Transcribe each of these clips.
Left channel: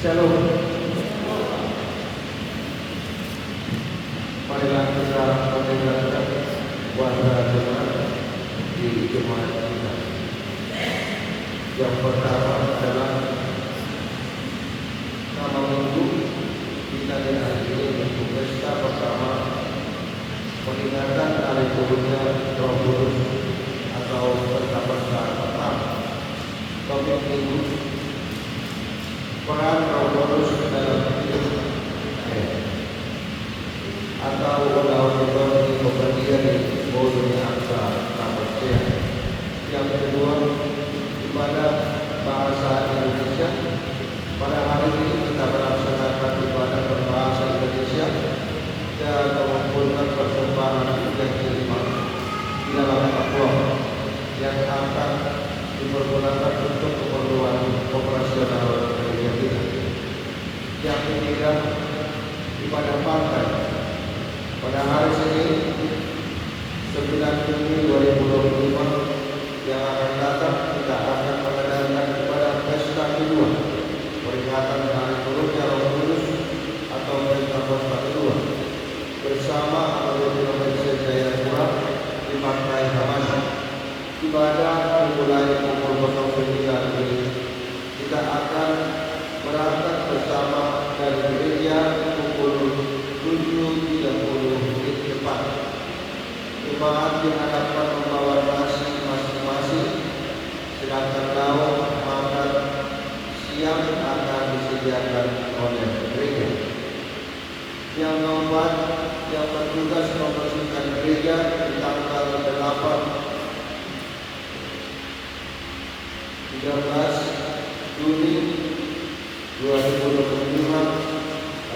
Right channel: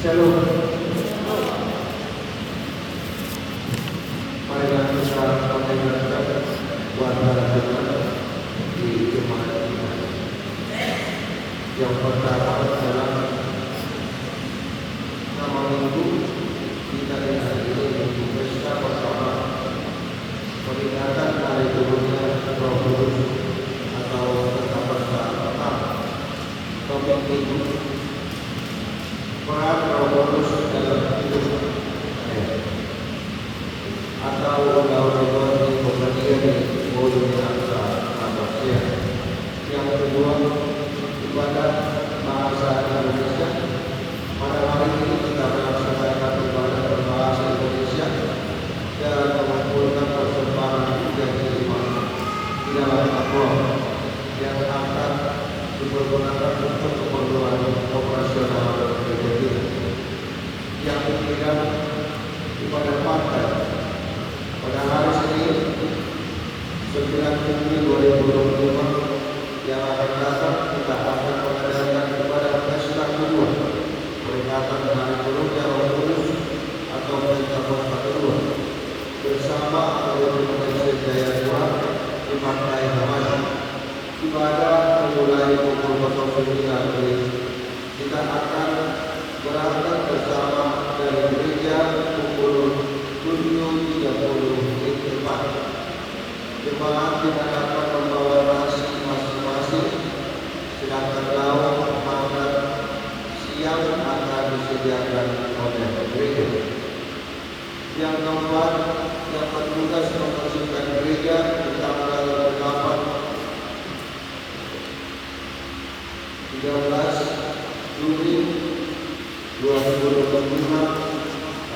Shalom. Marilah kita mendengarkan bahasa di jemaat ini. Yang pertama adalah nama minggu kita di hari ini untuk pesta bersama peringatan hari turunnya Roh Kudus atau pesta pertama. Topik minggu peran Roh Kudus dalam hidup atau orang-orang yang berbagian di bodohnya manusia. Yang kedua, kepada bahasa Indonesia. Pada hari ini kita melaksanakan ibadah berbahasa Indonesia yang mengumpulkan persembahan yang kelima di dalam takwa yang akan dipergunakan untuk keperluan operasional berikutnya. Yang ketiga, ibadah partai. Pada hari ini 9 Juni 2025 yang akan datang kita akan mengadakan ibadah pesta kedua peringatan dengan turunnya Roh Kudus atau peringatan kedua bersama anggota Gereja Jayapura di Pantai Hamasan. Ibadah dimulai pukul 09.00. Kita akan berangkat bersama dari gereja pukul 7.30 di depan. Jemaat diharapkan membawa nasi masing-masing, sedangkan lauk makan siang akan disediakan oleh gereja. Yang keempat, yang bertugas membersihkan gereja di tanggal 13 Juni 2025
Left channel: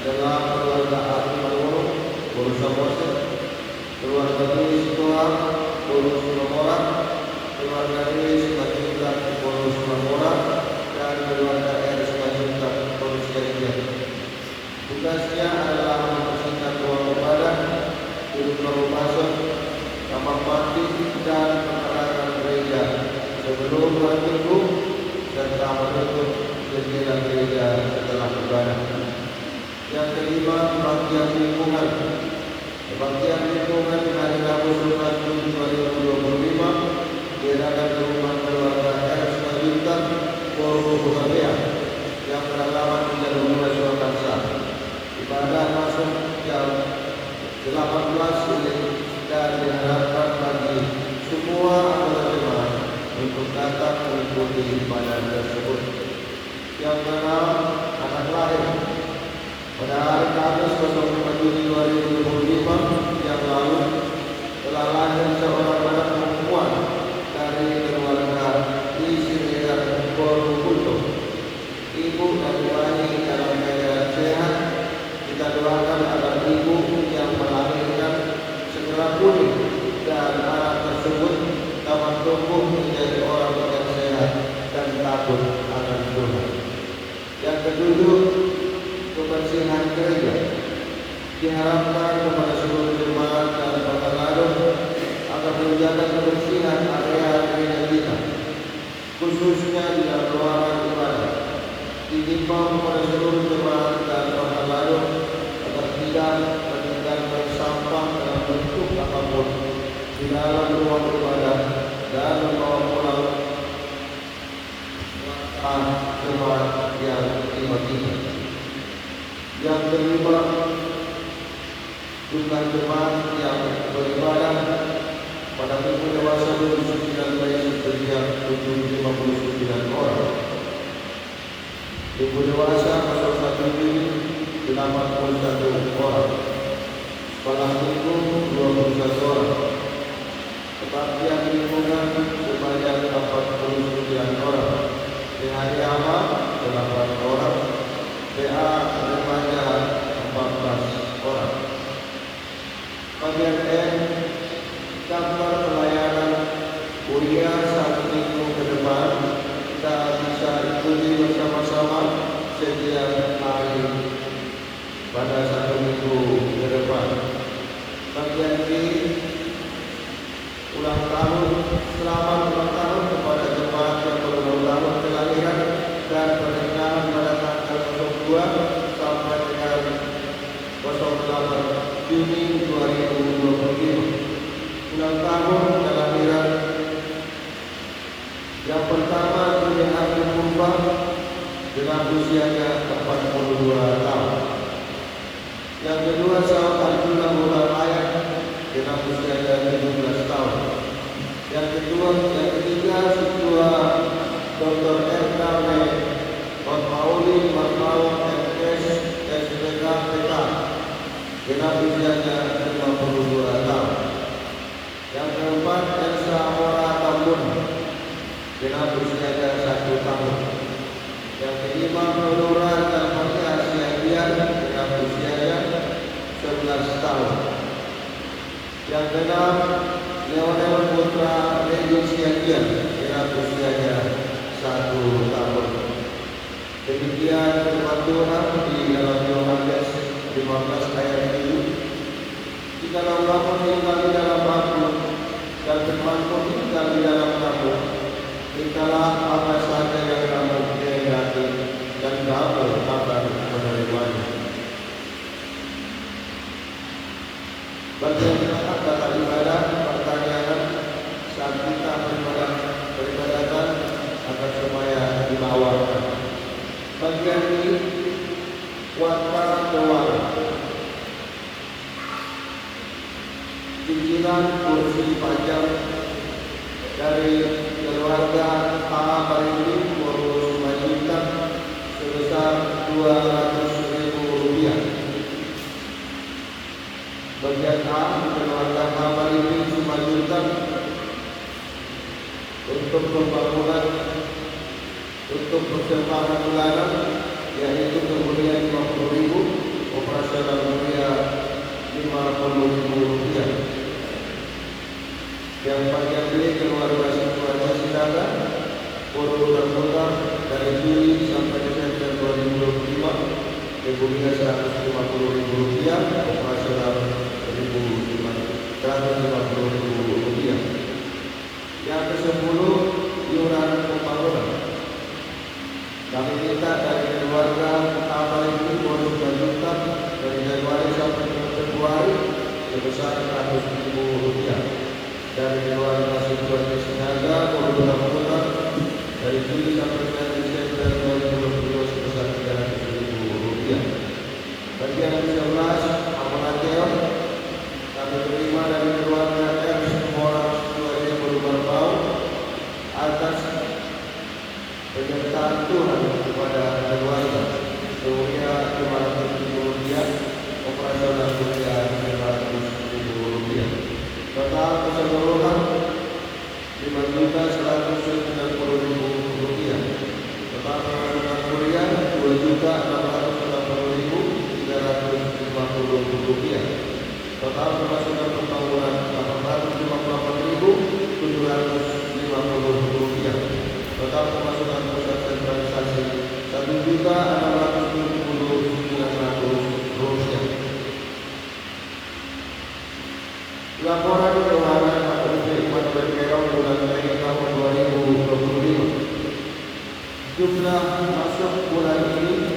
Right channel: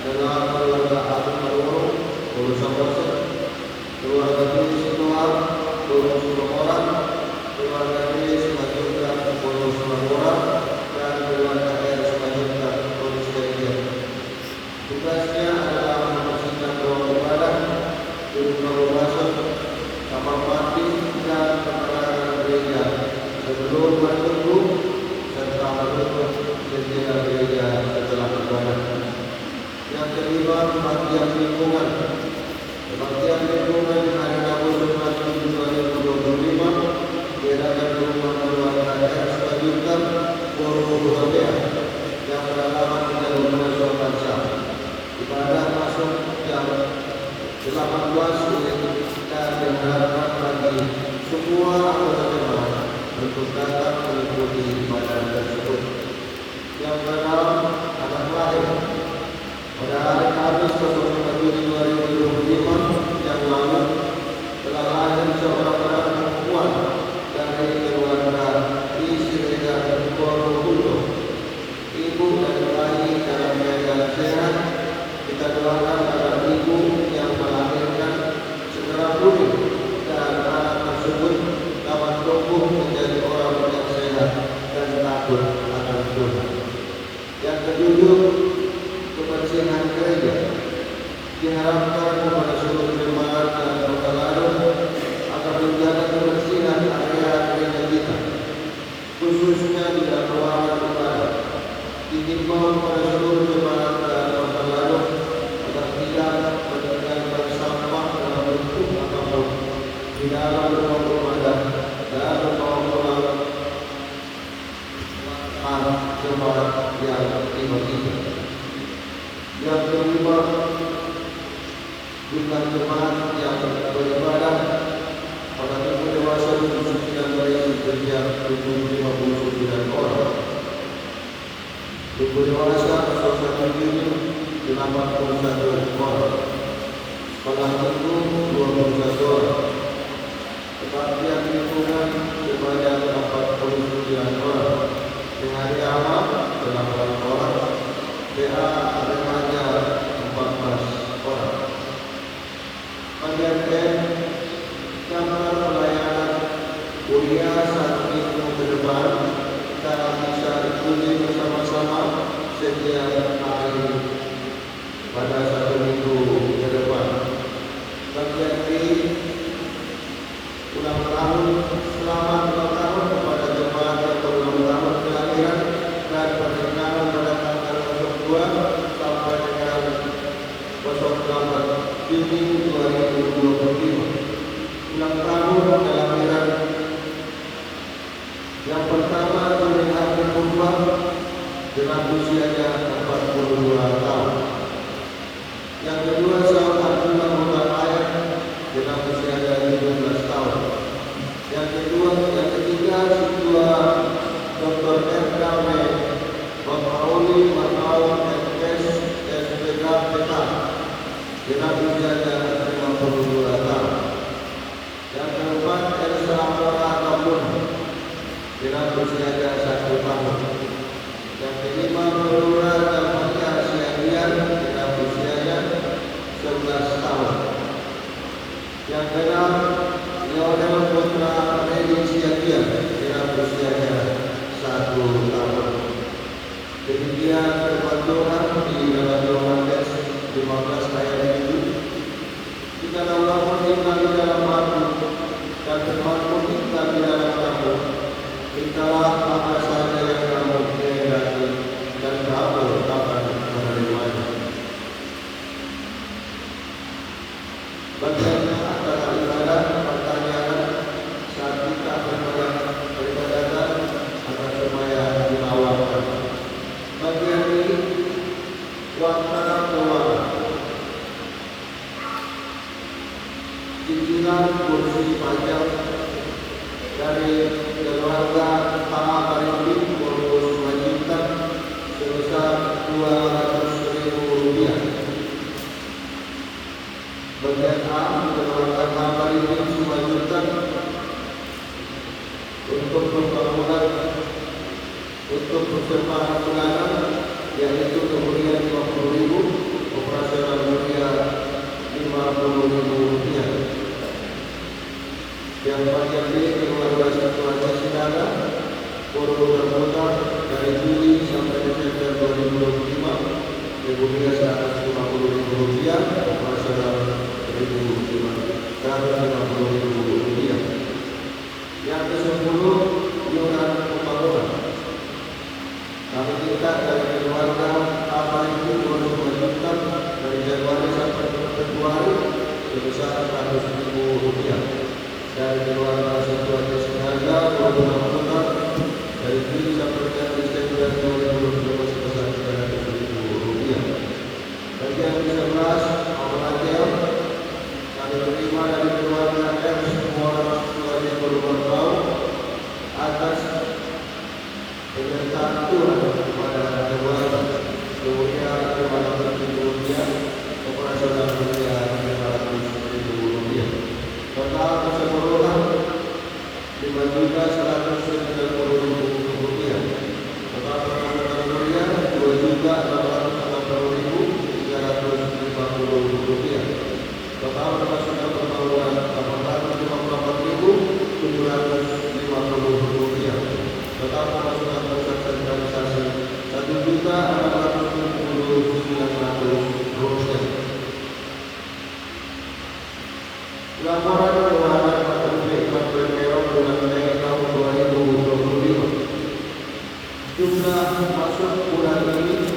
adalah keluarga Agung Nowo, 21, keluarga Dewi Sitoar, 21 orang, keluarga Dewi Simatujah, 21 orang, dan keluarga Dewi Simatujah, 21. Tugasnya adalah membersihkan ruang ibadah, duduk berbahasa, kamar mandi, dan pengarahan gereja sebelum bertubuh serta menutup jendela gereja setelah ibadah. Yang kelima, bagian lingkungan. Bagian lingkungan pada tahun 2025 diadakan di rumah keluarga Selanjutnya Doro Busabia yang beralamat di Jalur Musuh Bangsa. Ibadah masuk yang 18 menit dan diharapkan bagi semua anggota jemaat untuk datang mengikuti ibadah tersebut. Yang keenam, anak lahir. Pada hari Kamis 24 Juni 2025 yang lalu telah lahir seorang anak perempuan dari keluarga di Sini Borobudur. Ibu dan bayi dalam keadaan sehat. Kita doakan agar ibu yang melahirkan segera pulih dan anak tersebut dapat tumbuh menjadi orang yang sehat dan takut akan Tuhan. Yang ketujuh, kebersihan gereja. Diharapkan kepada seluruh jemaat dan pengaruh agar menjaga kebersihan area gereja kita, khususnya di dalam ruangan ibadah. Dihimbau kepada seluruh jemaat dan pengaruh agar tidak meninggalkan sampah dalam bentuk apapun di dalam rumah ibadah dan rumah jemaat yang dimaksudkan. Yang kelima, jumlah jemaat yang beribadah pada minggu dewasa 2019 sejak 759 orang. Minggu dewasa 1 Juni 81 orang. Sekolah minggu 12 orang. Kebaktian lingkungan sebanyak 49 orang. Dengan nama 8 orang. PA remaja 14 orang. KBM gambar pelayanan kuliah 1 minggu ke depan kita bisa ikuti bersama-sama setiap hari pada 1 minggu ke depan. KBM ulang tahun selamat ulang tahun kepada jemaat yang berulang tahun kelahiran dan pernikahan pada tanggal tahun kelahiran. Yang pertama Nurdin Abdul Mumpar dengan usianya 42 tahun. Yang kedua Syekh Abdullah Muhammad Ayat dengan usianya 17 tahun. Yang ketiga Siswa Dr. R.K. Watauli Watalam MS SPK dengan usianya 52 tahun. Yang keempat Elsa Prakamuna dengan usianya 1 tahun. Yang kelima Nurul Al-Fatih Asyadian dengan usianya 11 tahun. Yang keenam Leonel Putra Edi Syadian dengan usianya 1 tahun. Demikian terpatuhan di dalam Yohanes 15 ayat itu. Jika Allah menerima di dalam waktu dan bermakmum kita di dalam waktu, mintalah apa saja yang kamu kehendaki dan kamu akan menerimanya. Bagaimana antara ibadah pertanyaan saat kita beribadah agar semuanya dibawakan. Bagian ini waqara doa. Cicilan kursi panjang dari keluarga Pak Bayu mewajibkan sebesar Rp200.000. Bagian A keluarga Pak Bayu mewajibkan untuk pembangunan untuk persiapan bulanan yaitu kemudian Rp50.000, operasional Rp50.000. Yang panjang ini keluarga Pancasila foto terbuka dari Juli sampai September 2025, kemudian Rp150.000, operasional Rp50.000. Yang ke-10 iuran pembangunan. Kami minta dari keluarga apa itu bonus lanjutan dari Januari sampai Februari sebesar Rp100.000. Dari keluarga Sujono Sinaga pembangunan dari Juli sampai Desember 2020 sebesar Rp300.000. Bagi yang ke-11 Muhammadiyah kami menerima dari keluarga M semua keluarga berubah atas penyertaan Tuhan kepada keluarga sehingga kemudian operasional dunia Rp500.000. Total keseluruhan Rp5.190.000. Total penerimaan kuliah Rp2.880.350. Total pemasukan pembangunan Rp854.750. Total pemasukan pusat organisasi Rp1.670.500. Laporan keuangan Kabupaten Berkelok bulan tahun 2025. Jumlah masuk bulan ini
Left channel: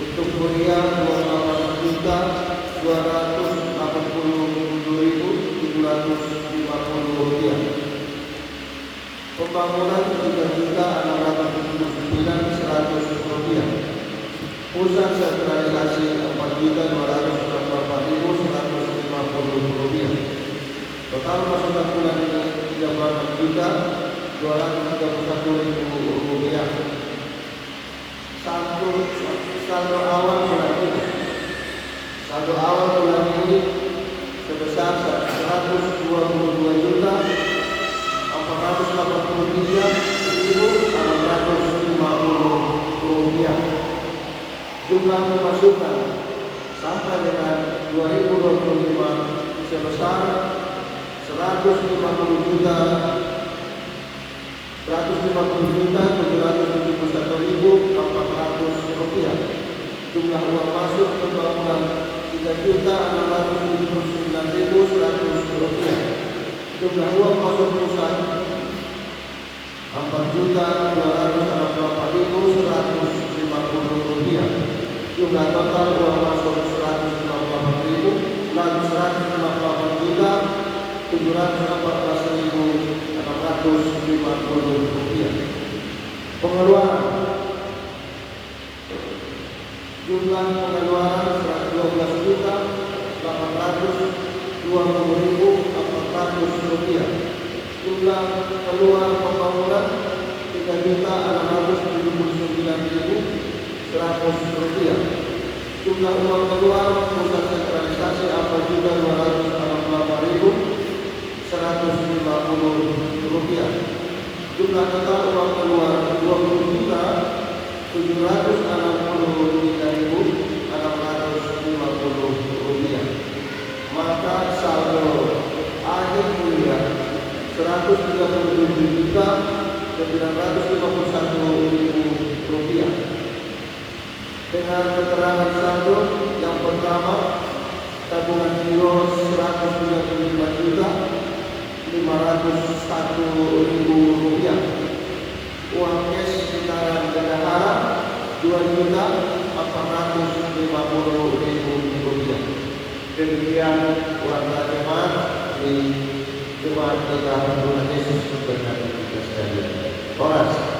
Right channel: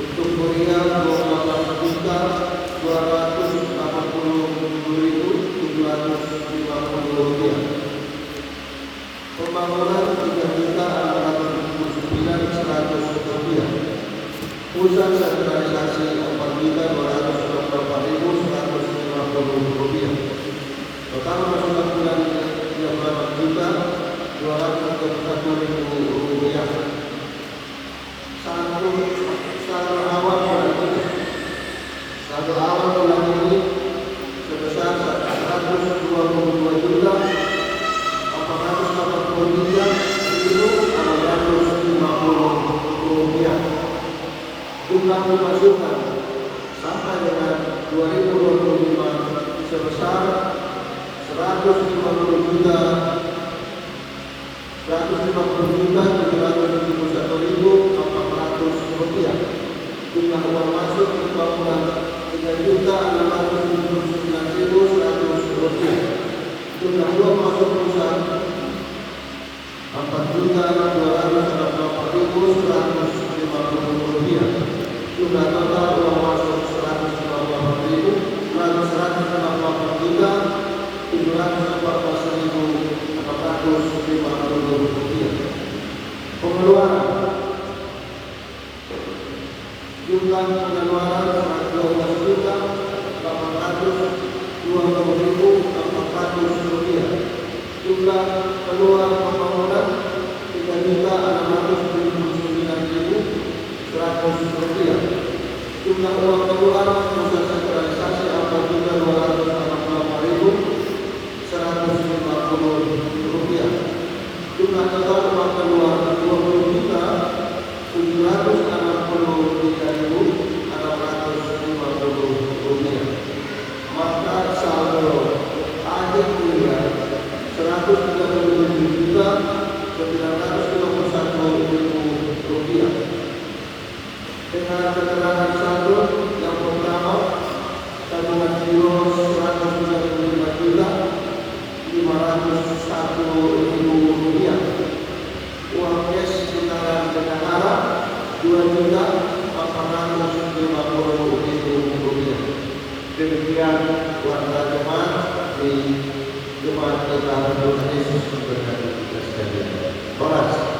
untuk kuliah Rp2.287.750. Pembangunan Rp3.679.100. Pusat sentralisasi Rp4.224.150. Total pasukan bulan Rp3.240.000. Satu awal bulan ini sebesar Rp182.433.650. Jumlah pemasukan sampai dengan 2025 sebesar Rp150.771.800. Jumlah uang masuk ke keuangan Rp3.679.100. Jumlah uang masuk pusat Rp4.244.150. Jumlah total uang masuk Rp158.158 Jumlah pengeluaran 12.820.400 rupiah. Jumlah keluar pembangunan 3.679.100 rupiah. Jumlah uang keluar proses sentralisasi 4.248.150 rupiah. Jumlah total uang keluar 20.763.650 rupiah. Maka saldo akhir bulan 137.951.000 rupiah. Dengan keterangan saldo yang pertama, tabungan giro 135.501.000 rupiah. Uang cash secara negara 2.450.000 rupiah. Demikian pelaksanaan jemaat di Jemaat Negara Tuhan Yesus Tuhan kita sekalian. Horas.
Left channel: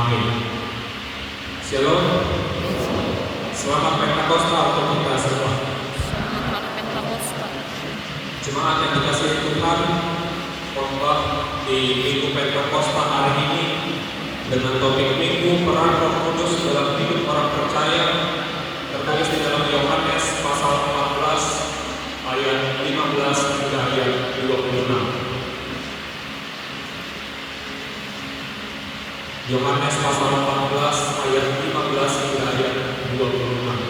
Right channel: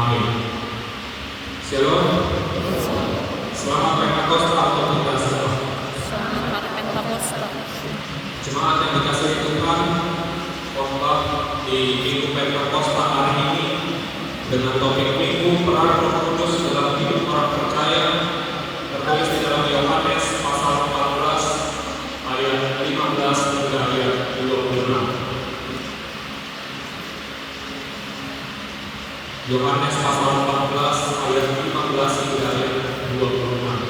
Amin. Shalom. Selamat Pentakosta untuk kita semua. Selamat Hari Pentakosta. Jemaat yang dikasihi Tuhan, khotbah di Minggu Pentakosta hari ini dengan topik Minggu Peran Roh Kudus dalam hidup orang percaya, tertulis di dalam Yohanes pasal 14 ayat 15 hingga ayat 25. Yohanes pasal 14 ayat 15 hingga ayat 25.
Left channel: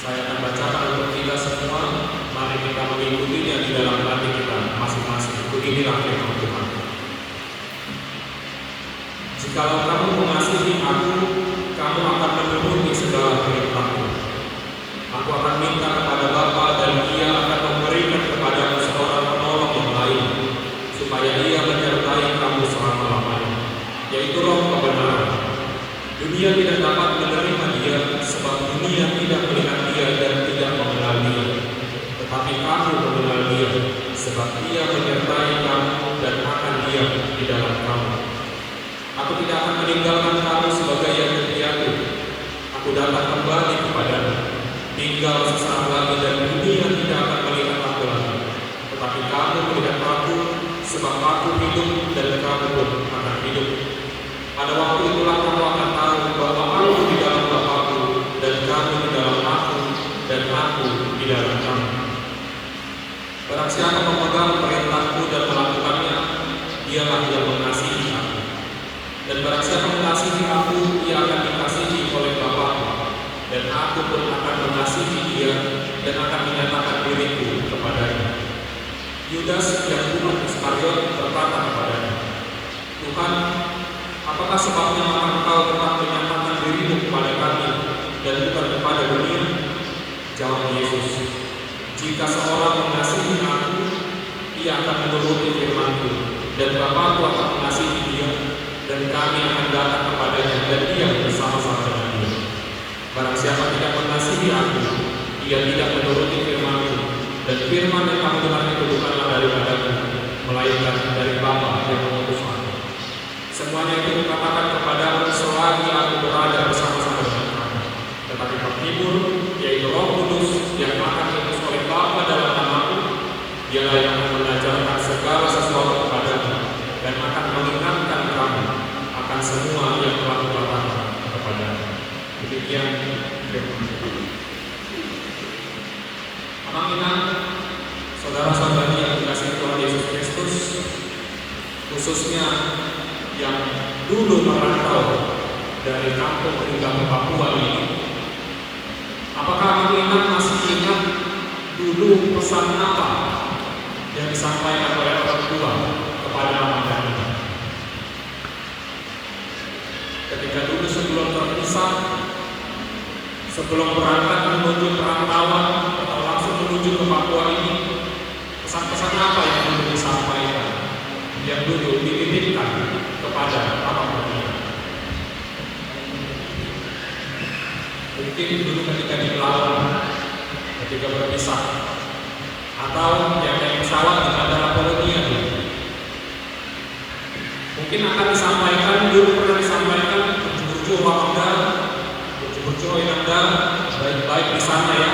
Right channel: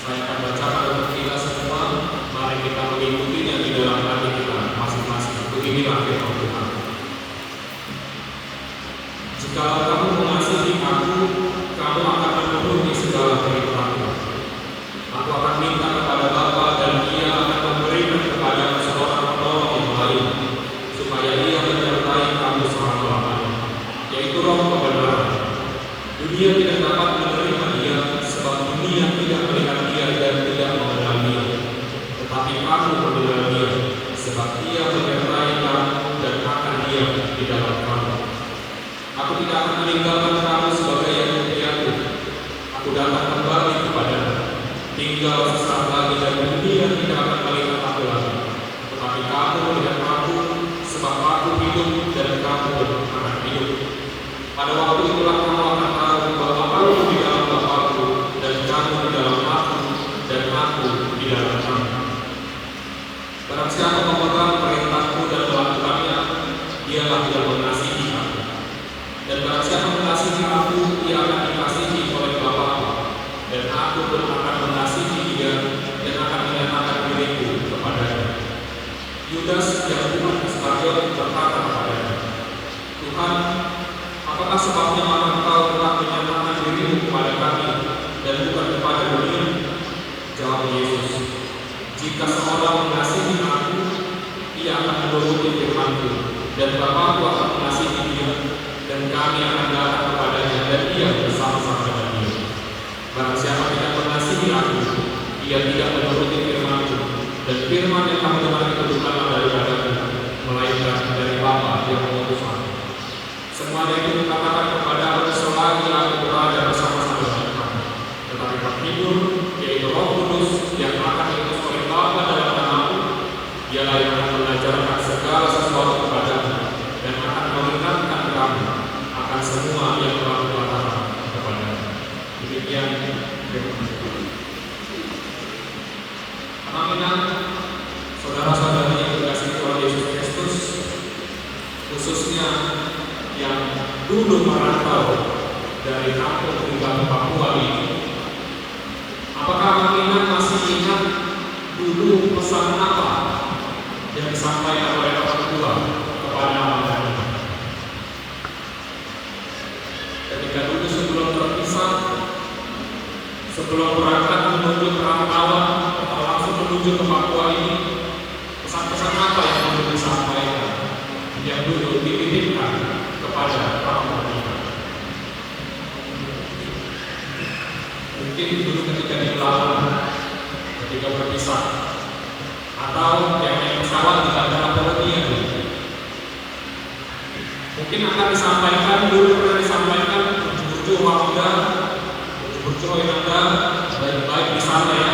Saya akan bacakan untuk kita semua. Mari kita mengikutinya di dalam hati kita masing-masing. Beginilah firman Tuhan. Jikalau kamu mengasihi aku, kamu akan memenuhi segala perintahku. Aku akan minta kepada Bapa dan Ia akan memberikan kepada seorang penolong yang lain, supaya Ia menyertai kamu selama-lamanya, yaitu Roh kebenaran. Dunia tidak dapat menerima Dia, sebab dunia tidak melihat Dia dan tidak mengenal Dia. Tetapi aku mengenal Dia, sebab Ia menyertai kamu dan akan diam di dalam kamu. Aku tidak akan meninggalkan kamu sebagai yang sendirian. Aku datang kembali kepadamu. Tinggal sesaat lagi dan dunia tidak akan melihat aku lagi. Tetapi kamu melihat aku, sebab aku hidup dan kamu pun akan hidup. Pada waktu itulah kamu akan tahu bahwa aku di dalam Bapa-Ku dan kamu di dalam aku dan aku di dalam kamu. Barang siapa memegang perintahku dan melakukannya, dialah yang mengasihi aku. Dan barang siapa mengasihi aku, ia akan dikasihi oleh Bapa-Ku. Dan aku pun akan mengasihi dia dan akan menyatakan diriku kepadanya. Yudas yang bukan Iskariot berkata kepadanya, Tuhan, apakah sebabnya engkau tetap menyatakan dirimu kepada kami dan bukan kepada dunia? Jawab Yesus, jika seorang mengasihi aku, ia akan menuruti firman-Ku, dan Bapa-Ku akan mengasihi dia, dan kami akan datang kepadanya dan dia bersama-sama dengan dia. Barang siapa tidak mengasihi aku, ia tidak menuruti firman-Ku, dan firman yang kamu dengar itu bukanlah daripadaku, melainkan dari Bapa yang mengutus aku. Semuanya itu dikatakan kepada aku selagi aku berada bersama-sama dengan kamu. Tetapi penghibur, yaitu Roh Kudus yang akan diutus oleh Bapa dalam namaku, Dialah yang akan mengajarkan segala sesuatu kepadamu dan akan mengingatkan kamu akan semua yang telah kukatakan kepadamu. Demikian firman Tuhan. Amin. Saudara-saudara yang dikasihi Tuhan Yesus Kristus, khususnya yang dulu merantau dari kampung hingga ke Papua ini, apakah mengingat masih ingat dulu pesan apa yang disampaikan oleh orang tua kepada anak-anaknya? Ketika dulu sebelum terpisah, sebelum berangkat menuju perantauan atau langsung menuju ke Papua ini, pesan-pesan apa yang dulu disampaikan, yang dulu dititipkan kepada orang beriman? Mungkin dulu ketika di pelabuhan, ketika berpisah, atau yang naik pesawat di bandara Polonia, mungkin akan disampaikan, dulu pernah disampaikan bucu wakda, bucu yang ada baik-baik di sana ya,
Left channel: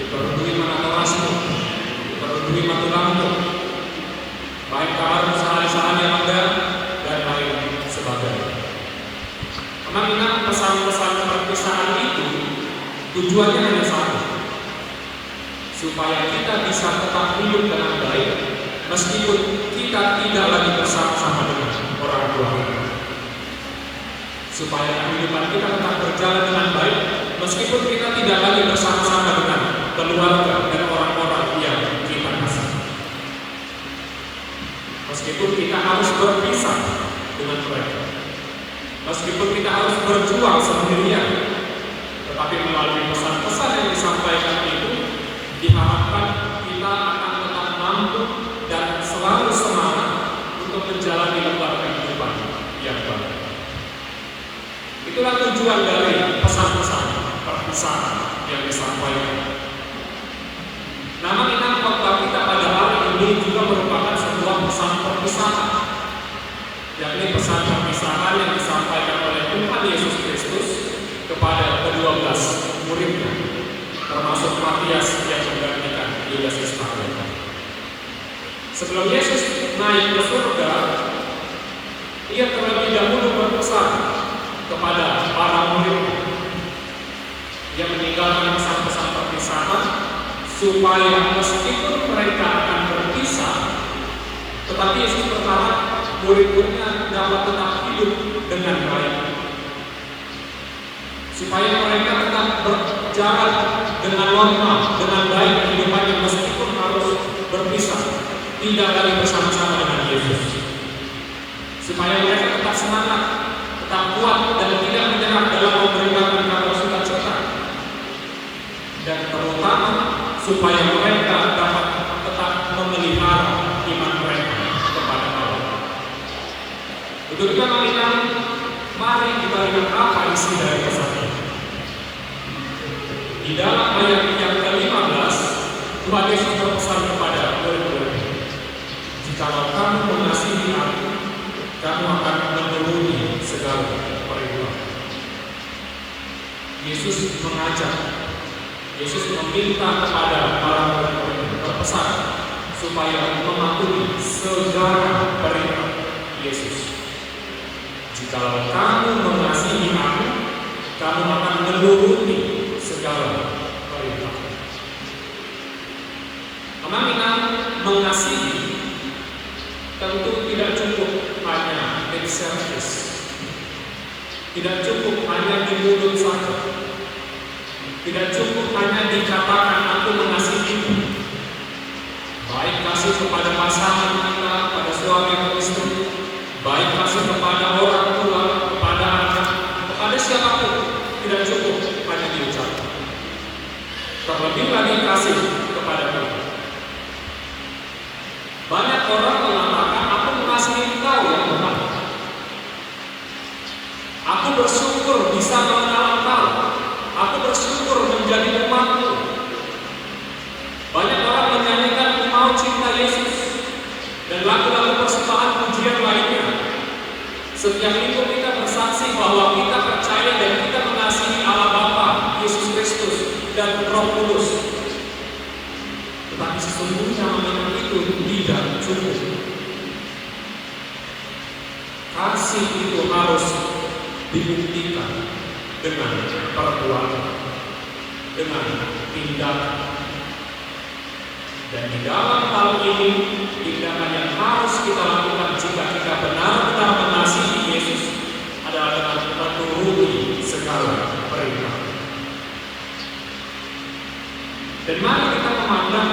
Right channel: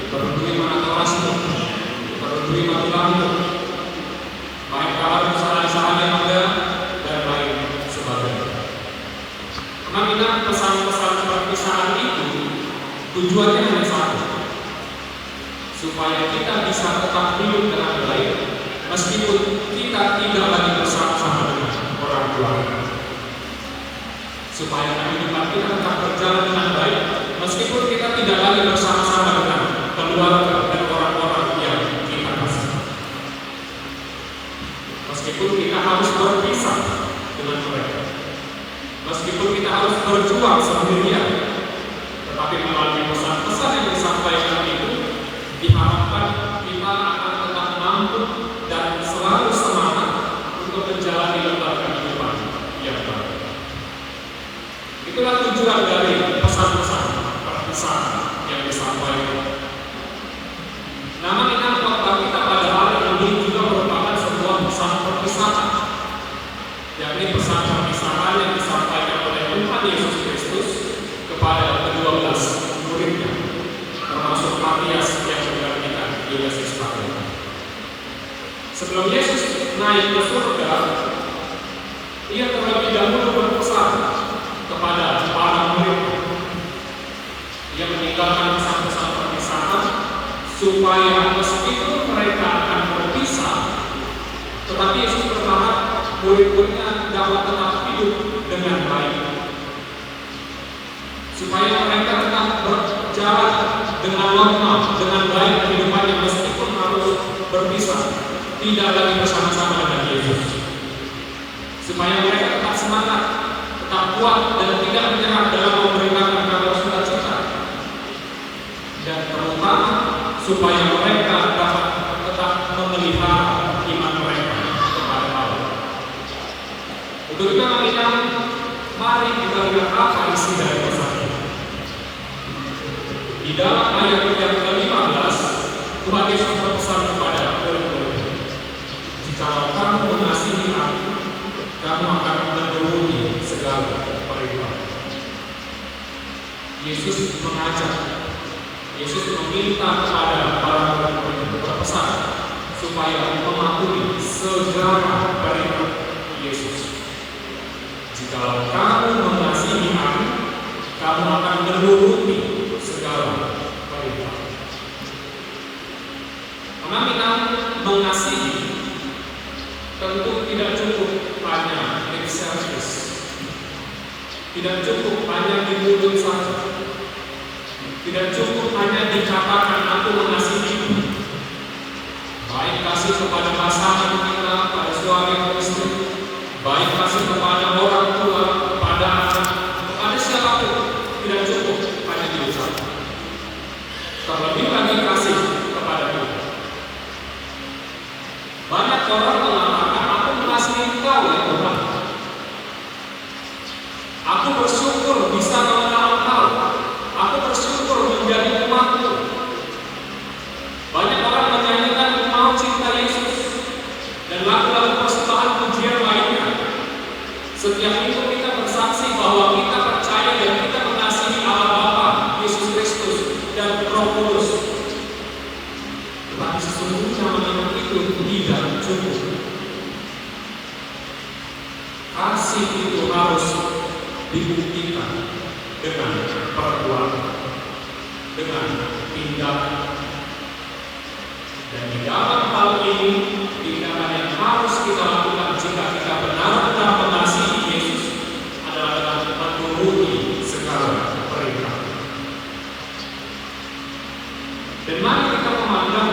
diperlui mana kerasmu, diperlui mati lampu, baik kalau kesalahan-kesalahan yang ada dan lain sebagainya. Memang ingat pesan-pesan perpisahan itu tujuannya hanya satu, supaya kita bisa tetap hidup dengan baik meskipun kita tidak lagi bersama-sama dengan orang tua kita. Supaya kehidupan kita tetap berjalan dengan baik meskipun kita tidak lagi bersama-sama dengan keluarga dan orang-orang yang kita kasih. Meskipun kita harus berpisah dengan mereka, meskipun kita harus berjuang sendirian, tetapi melalui pesan-pesan yang disampaikan itu diharapkan kita akan tetap mampu dan selalu semangat untuk menjalani lembaga kehidupan yang baik. Itulah tujuan dari pesan-pesan perpisahan yang disampaikan. Namun ingat khotbah kita pada hari ini juga merupakan sebuah pesan perpisahan, yakni pesan perpisahan yang disampaikan Tuhan Yesus Kristus kepada ke-12 muridnya, termasuk Matias yang menggantikan Yudas Iskariot. Sebelum Yesus naik ke surga, ia terlebih dahulu berpesan kepada para muridnya. Ia meninggalkan pesan-pesan perpisahan supaya meskipun mereka akan berpisah, tetapi Yesus berharap murid-muridnya dapat tetap hidup dengan baik, supaya mereka tetap berjalan dengan normal, dengan baik kehidupannya meskipun harus berpisah, tidak lagi bersama-sama dengan Yesus, supaya mereka tetap semangat, tetap kuat dan tidak menyerah dalam memberitakan kabar sukacita, dan terutama supaya mereka dapat tetap memelihara iman mereka kepada Allah. Untuk itu mari kita lihat apa isi dari pesan ini. Di dalam ayat yang ke-15, Tuhan Yesus berpesan kepada murid-muridnya, "Jikalau kamu mengasihi Aku, kamu akan menuruti segala perintah." Yesus mengajak, Yesus meminta kepada para murid berpesan supaya mematuhi segala perintah Yesus. "Jikalau kamu mengasihi Aku, kamu akan menuruti segala perintah." Anak-anak, mengasihi tentu tidak cukup hanya lip service, tidak cukup hanya di mulut saja, tidak cukup hanya dikatakan aku mengasihimu. Baik kasih kepada pasangan kita, pada suami atau istri, baik kasih kepada orang tua, kepada anak, kepada siapapun, tidak cukup hanya diucapkan. Terlebih lagi kasih kepada Tuhan. Banyak orang mengatakan aku mengasihi Engkau ya Tuhan. Aku bersyukur bisa mengenal Engkau. Aku bersyukur menjadi umat-Mu. Banyak orang menyanyikan "Aku mau cinta Yesus" dan lagu-lagu persembahan pujian lainnya. Setiap minggu kita bersaksi bahwa kita percaya dan kita mengasihi Allah Bapa, Yesus Kristus, dan Roh Kudus. Tetapi sesungguhnya memang itu tidak cukup. Kasih itu harus dibuktikan dengan perbuatan, dengan tindakan. Dan di dalam hal ini, tindakan yang harus kita lakukan jika kita benar-benar mengasihi Yesus adalah menuruti segala perintah. Dan mari kita memandang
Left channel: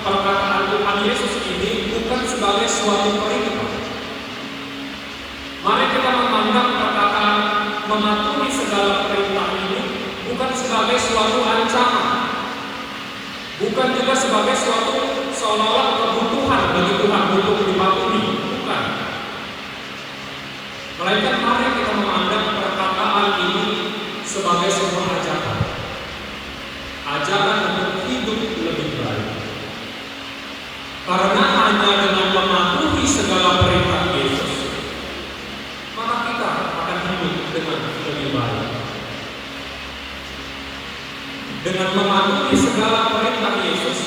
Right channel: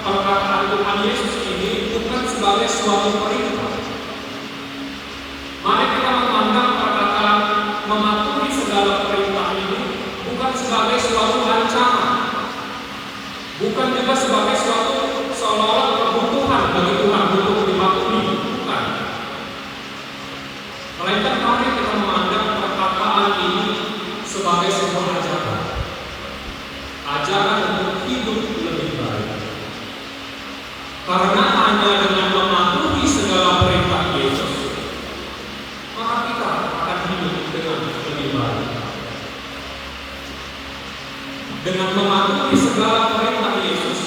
perkataan Tuhan Yesus ini bukan sebagai suatu perintah. Mari kita memandang perkataan mematuhi segala perintah ini bukan sebagai suatu ancaman, bukan juga sebagai suatu seolah-olah kebutuhan bagi Tuhan untuk dipatuhi, bukan. Melainkan mari kita memandang perkataan ini sebagai sebuah ajakan, ajakan untuk hidup lebih baik. Karena hanya dengan mematuhi segala perintah Yesus, maka kita akan hidup dengan lebih baik. Dengan mematuhi segala perintah Yesus,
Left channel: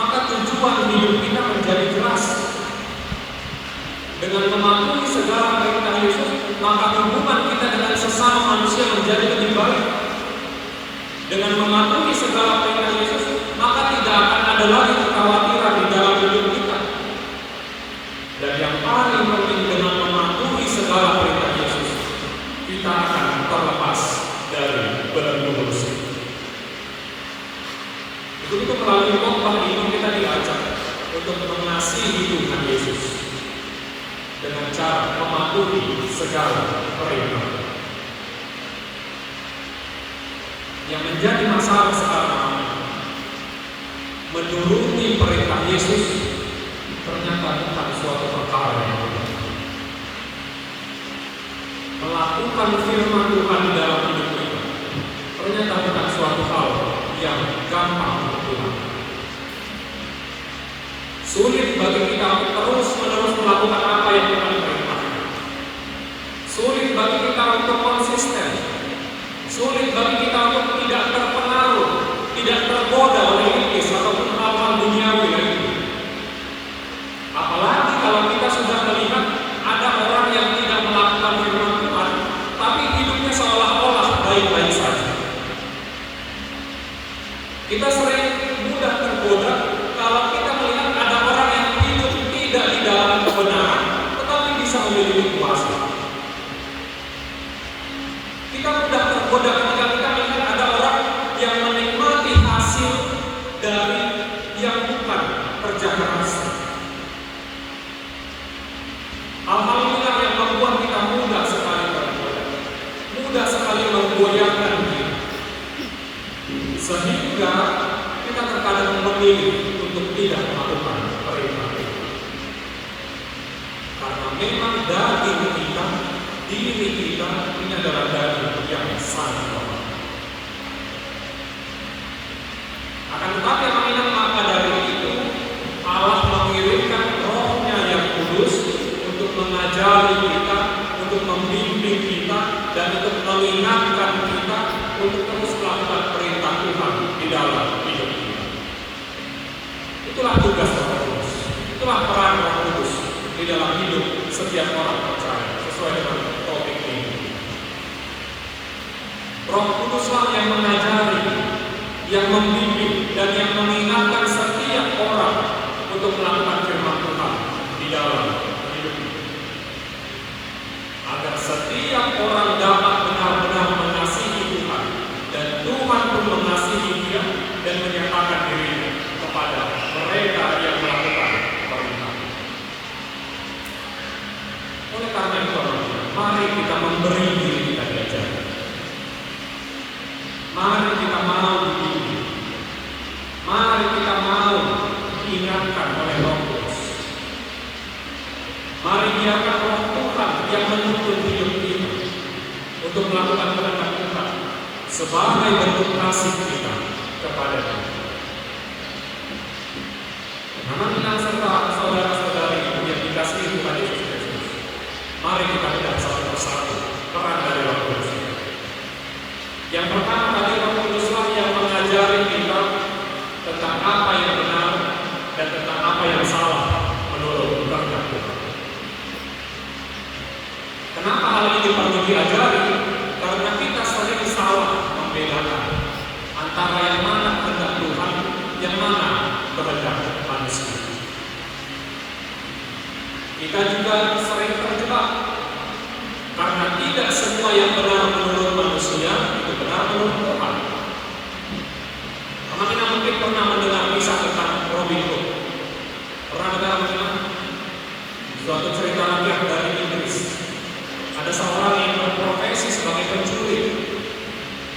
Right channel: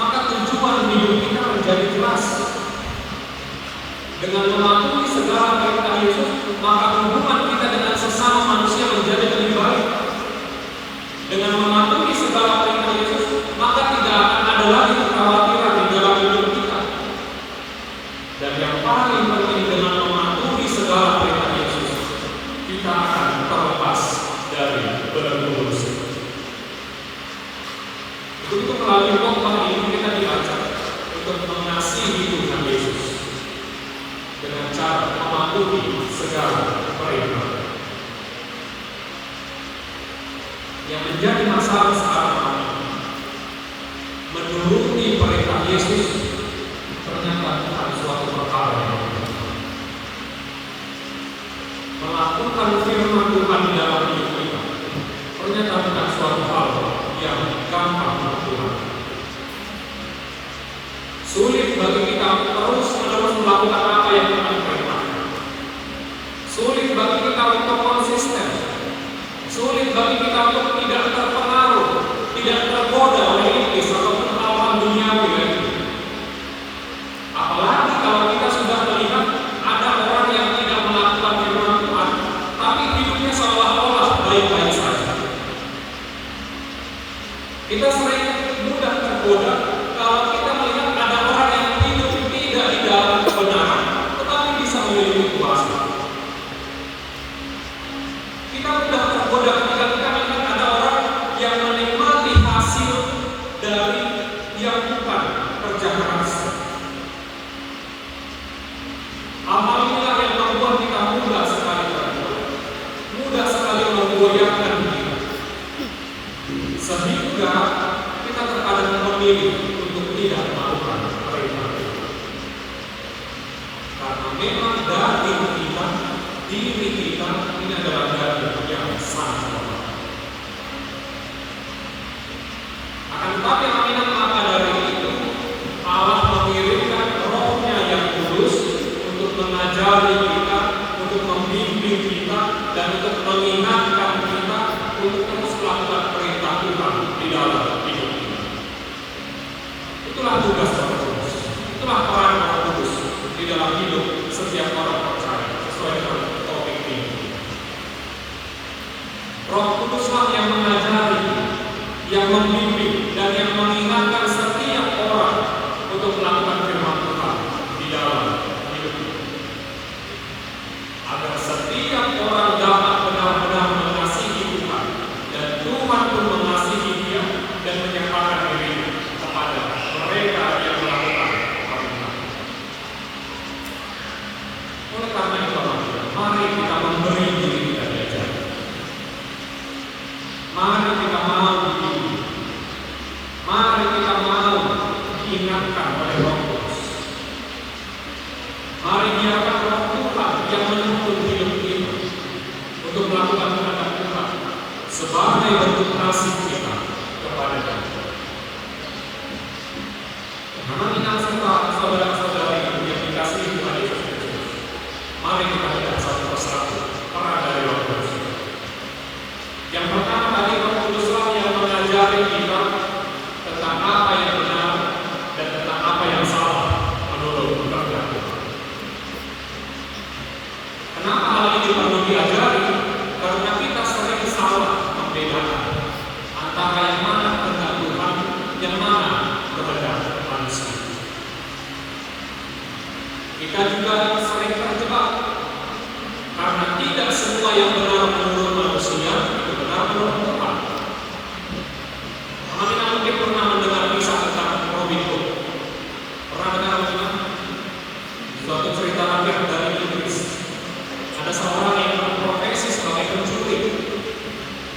maka tujuan hidup kita menjadi jelas. Dengan mematuhi segala perintah Yesus, maka hubungan kita dengan sesama manusia menjadi lebih baik. Dengan mematuhi segala perintah Yesus, maka tidak akan ada lagi kekhawatiran di dalam hidup kita. Dan yang paling penting, dengan mematuhi segala perintah Yesus, kita akan terlepas dari belenggu dosa. Untuk melalui khotbah ini kita diajak untuk mengasihi Tuhan Yesus dengan cara mematuhi segala perintah. Yang menjadi masalah sekarang, menuruti perintah Yesus ternyata bukan suatu perkara yang mudah. Melakukan firman Tuhan dalam hidup kita ternyata bukan suatu hal yang gampang untuk Tuhan. Sulit bagi kita terus-menerus melakukan apa yang Tuhan perintahkan. Sulit bagi kita untuk konsisten baik-baik saja. Kita sering mudah tergoda kalau kita melihat ada orang yang hidup tidak di dalam kebenaran, tetapi bisa memiliki kuasa. Kita mudah tergoda ketika kita melihat ada orang yang menikmati hasil dari yang bukan kerja keras. Hal-hal inilah yang membuat kita mudah sekali tergoda, mudah sekali menggoyahkan diri, sehingga kita terkadang memilih untuk tidak melakukan perintah itu. Karena memang diri kita ini adalah daging yang sangat lemah. Akan tetapi yang apa dari itu, Allah mengirimkan Roh-Nya yang kudus untuk mengajari kita, untuk membimbing kita, dan untuk mengingatkan kita untuk terus melakukan perintah Tuhan di dalam hidup kita. Itulah tugas Roh Kudus, itulah peran Roh Kudus di dalam hidup setiap orang percaya sesuai dengan topik ini. Roh Kuduslah yang mengajari, yang membimbing, dan yang mengingatkan setiap orang untuk melakukan firman Tuhan di dalam hidup kita, agar setiap orang dapat benar-benar mengasihi Tuhan, dan Tuhan pun mengasihi dia dan menyerahkan diri kepada mereka yang melakukan perintah. Oleh karena itu, mari kita memberi diri kita belajar. Mari kita mau dibimbing. Mari kita mau diingatkan oleh Roh Kudus. Mari biarkan Roh Tuhan yang menuntun hidup kita untuk melakukan kehendak Tuhan sebagai bentuk kasih kita kepada Dia. Mengenal saudara-saudari yang dikasihi Tuhan Yesus Kristus, mari kita lihat satu persatu peran dari Roh Kudus. Yang pertama, dari Roh Kuduslah yang mengajari kita tentang apa yang benar dan tentang apa yang salah menurut kehendak Tuhan. Kenapa hal ini perlu diajari? Karena kita sering salah membedakan antara yang mana kehendak Tuhan, yang mana kehendak manusia. Kita juga sering terjebak karena tidak semua yang benar menurut manusia itu benar menurut Tuhan. Teman-teman mungkin pernah mendengar kisah tentang Robin Hood. Pernah dengar bagaimana? Suatu cerita yang dari Inggris. Ada seorang yang berprofesi sebagai pencuri.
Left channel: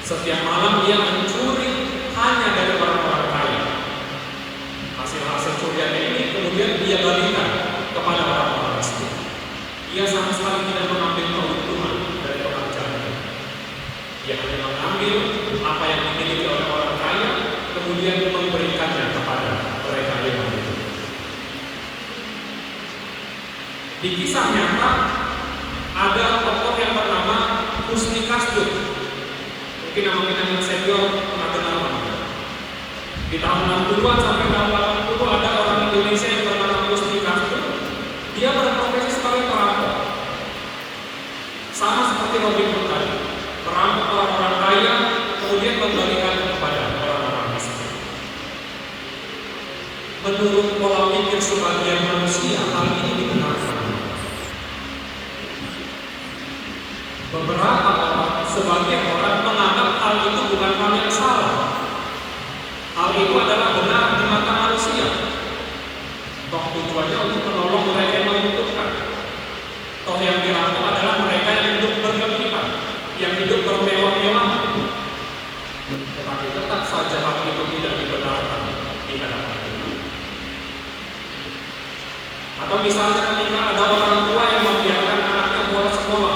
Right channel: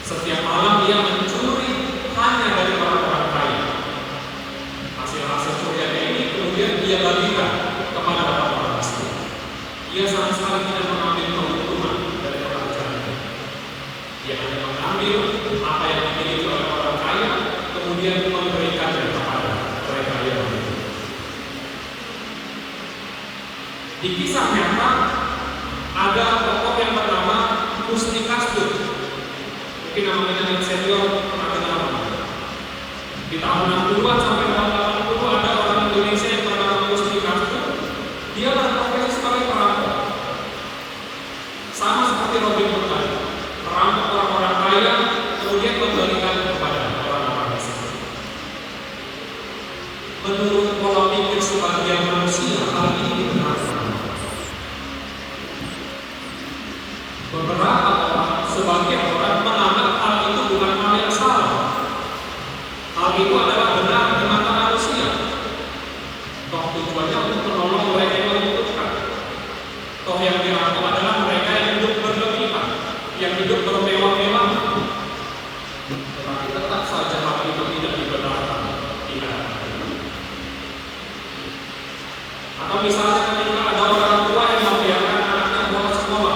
Setiap malam dia mencuri hanya dari orang-orang kaya. Hasil-hasil curiannya ini kemudian dia bagikan kepada orang-orang miskin. Ia sama sekali tidak mengambil keuntungan dari orang janda. Dia hanya mengambil apa yang dimiliki oleh orang kaya, kemudian memberikannya kepada mereka yang hidup. Di kisah nyata ada tokoh yang bernama Husni Kasdur. Mungkin namanya dengan senior atau nama. Di tahun 60-an sampai tahun 80 ada orang Indonesia yang bernama Husni Kasdur. Dia berprofesi sebagai perampok. Sama seperti Robin Hood tadi, merampok orang-orang kaya, kemudian membagikan kepada orang-orang miskin. Menurut pola pikir sebagian manusia, hal ini dibenarkan. Beberapa orang, sebagian orang menganggap hal itu bukan hal yang salah. Hal itu adalah benar di mata manusia. Toh tujuannya untuk menolong mereka yang membutuhkan. Toh yang dirampok adalah mereka yang hidup berlebihan, yang hidup bermewah-mewahan. Tetapi tetap saja hal itu tidak dibenarkan. Tidak. Atau misalnya ketika ada orang tua yang membiarkan anaknya bolos sekolah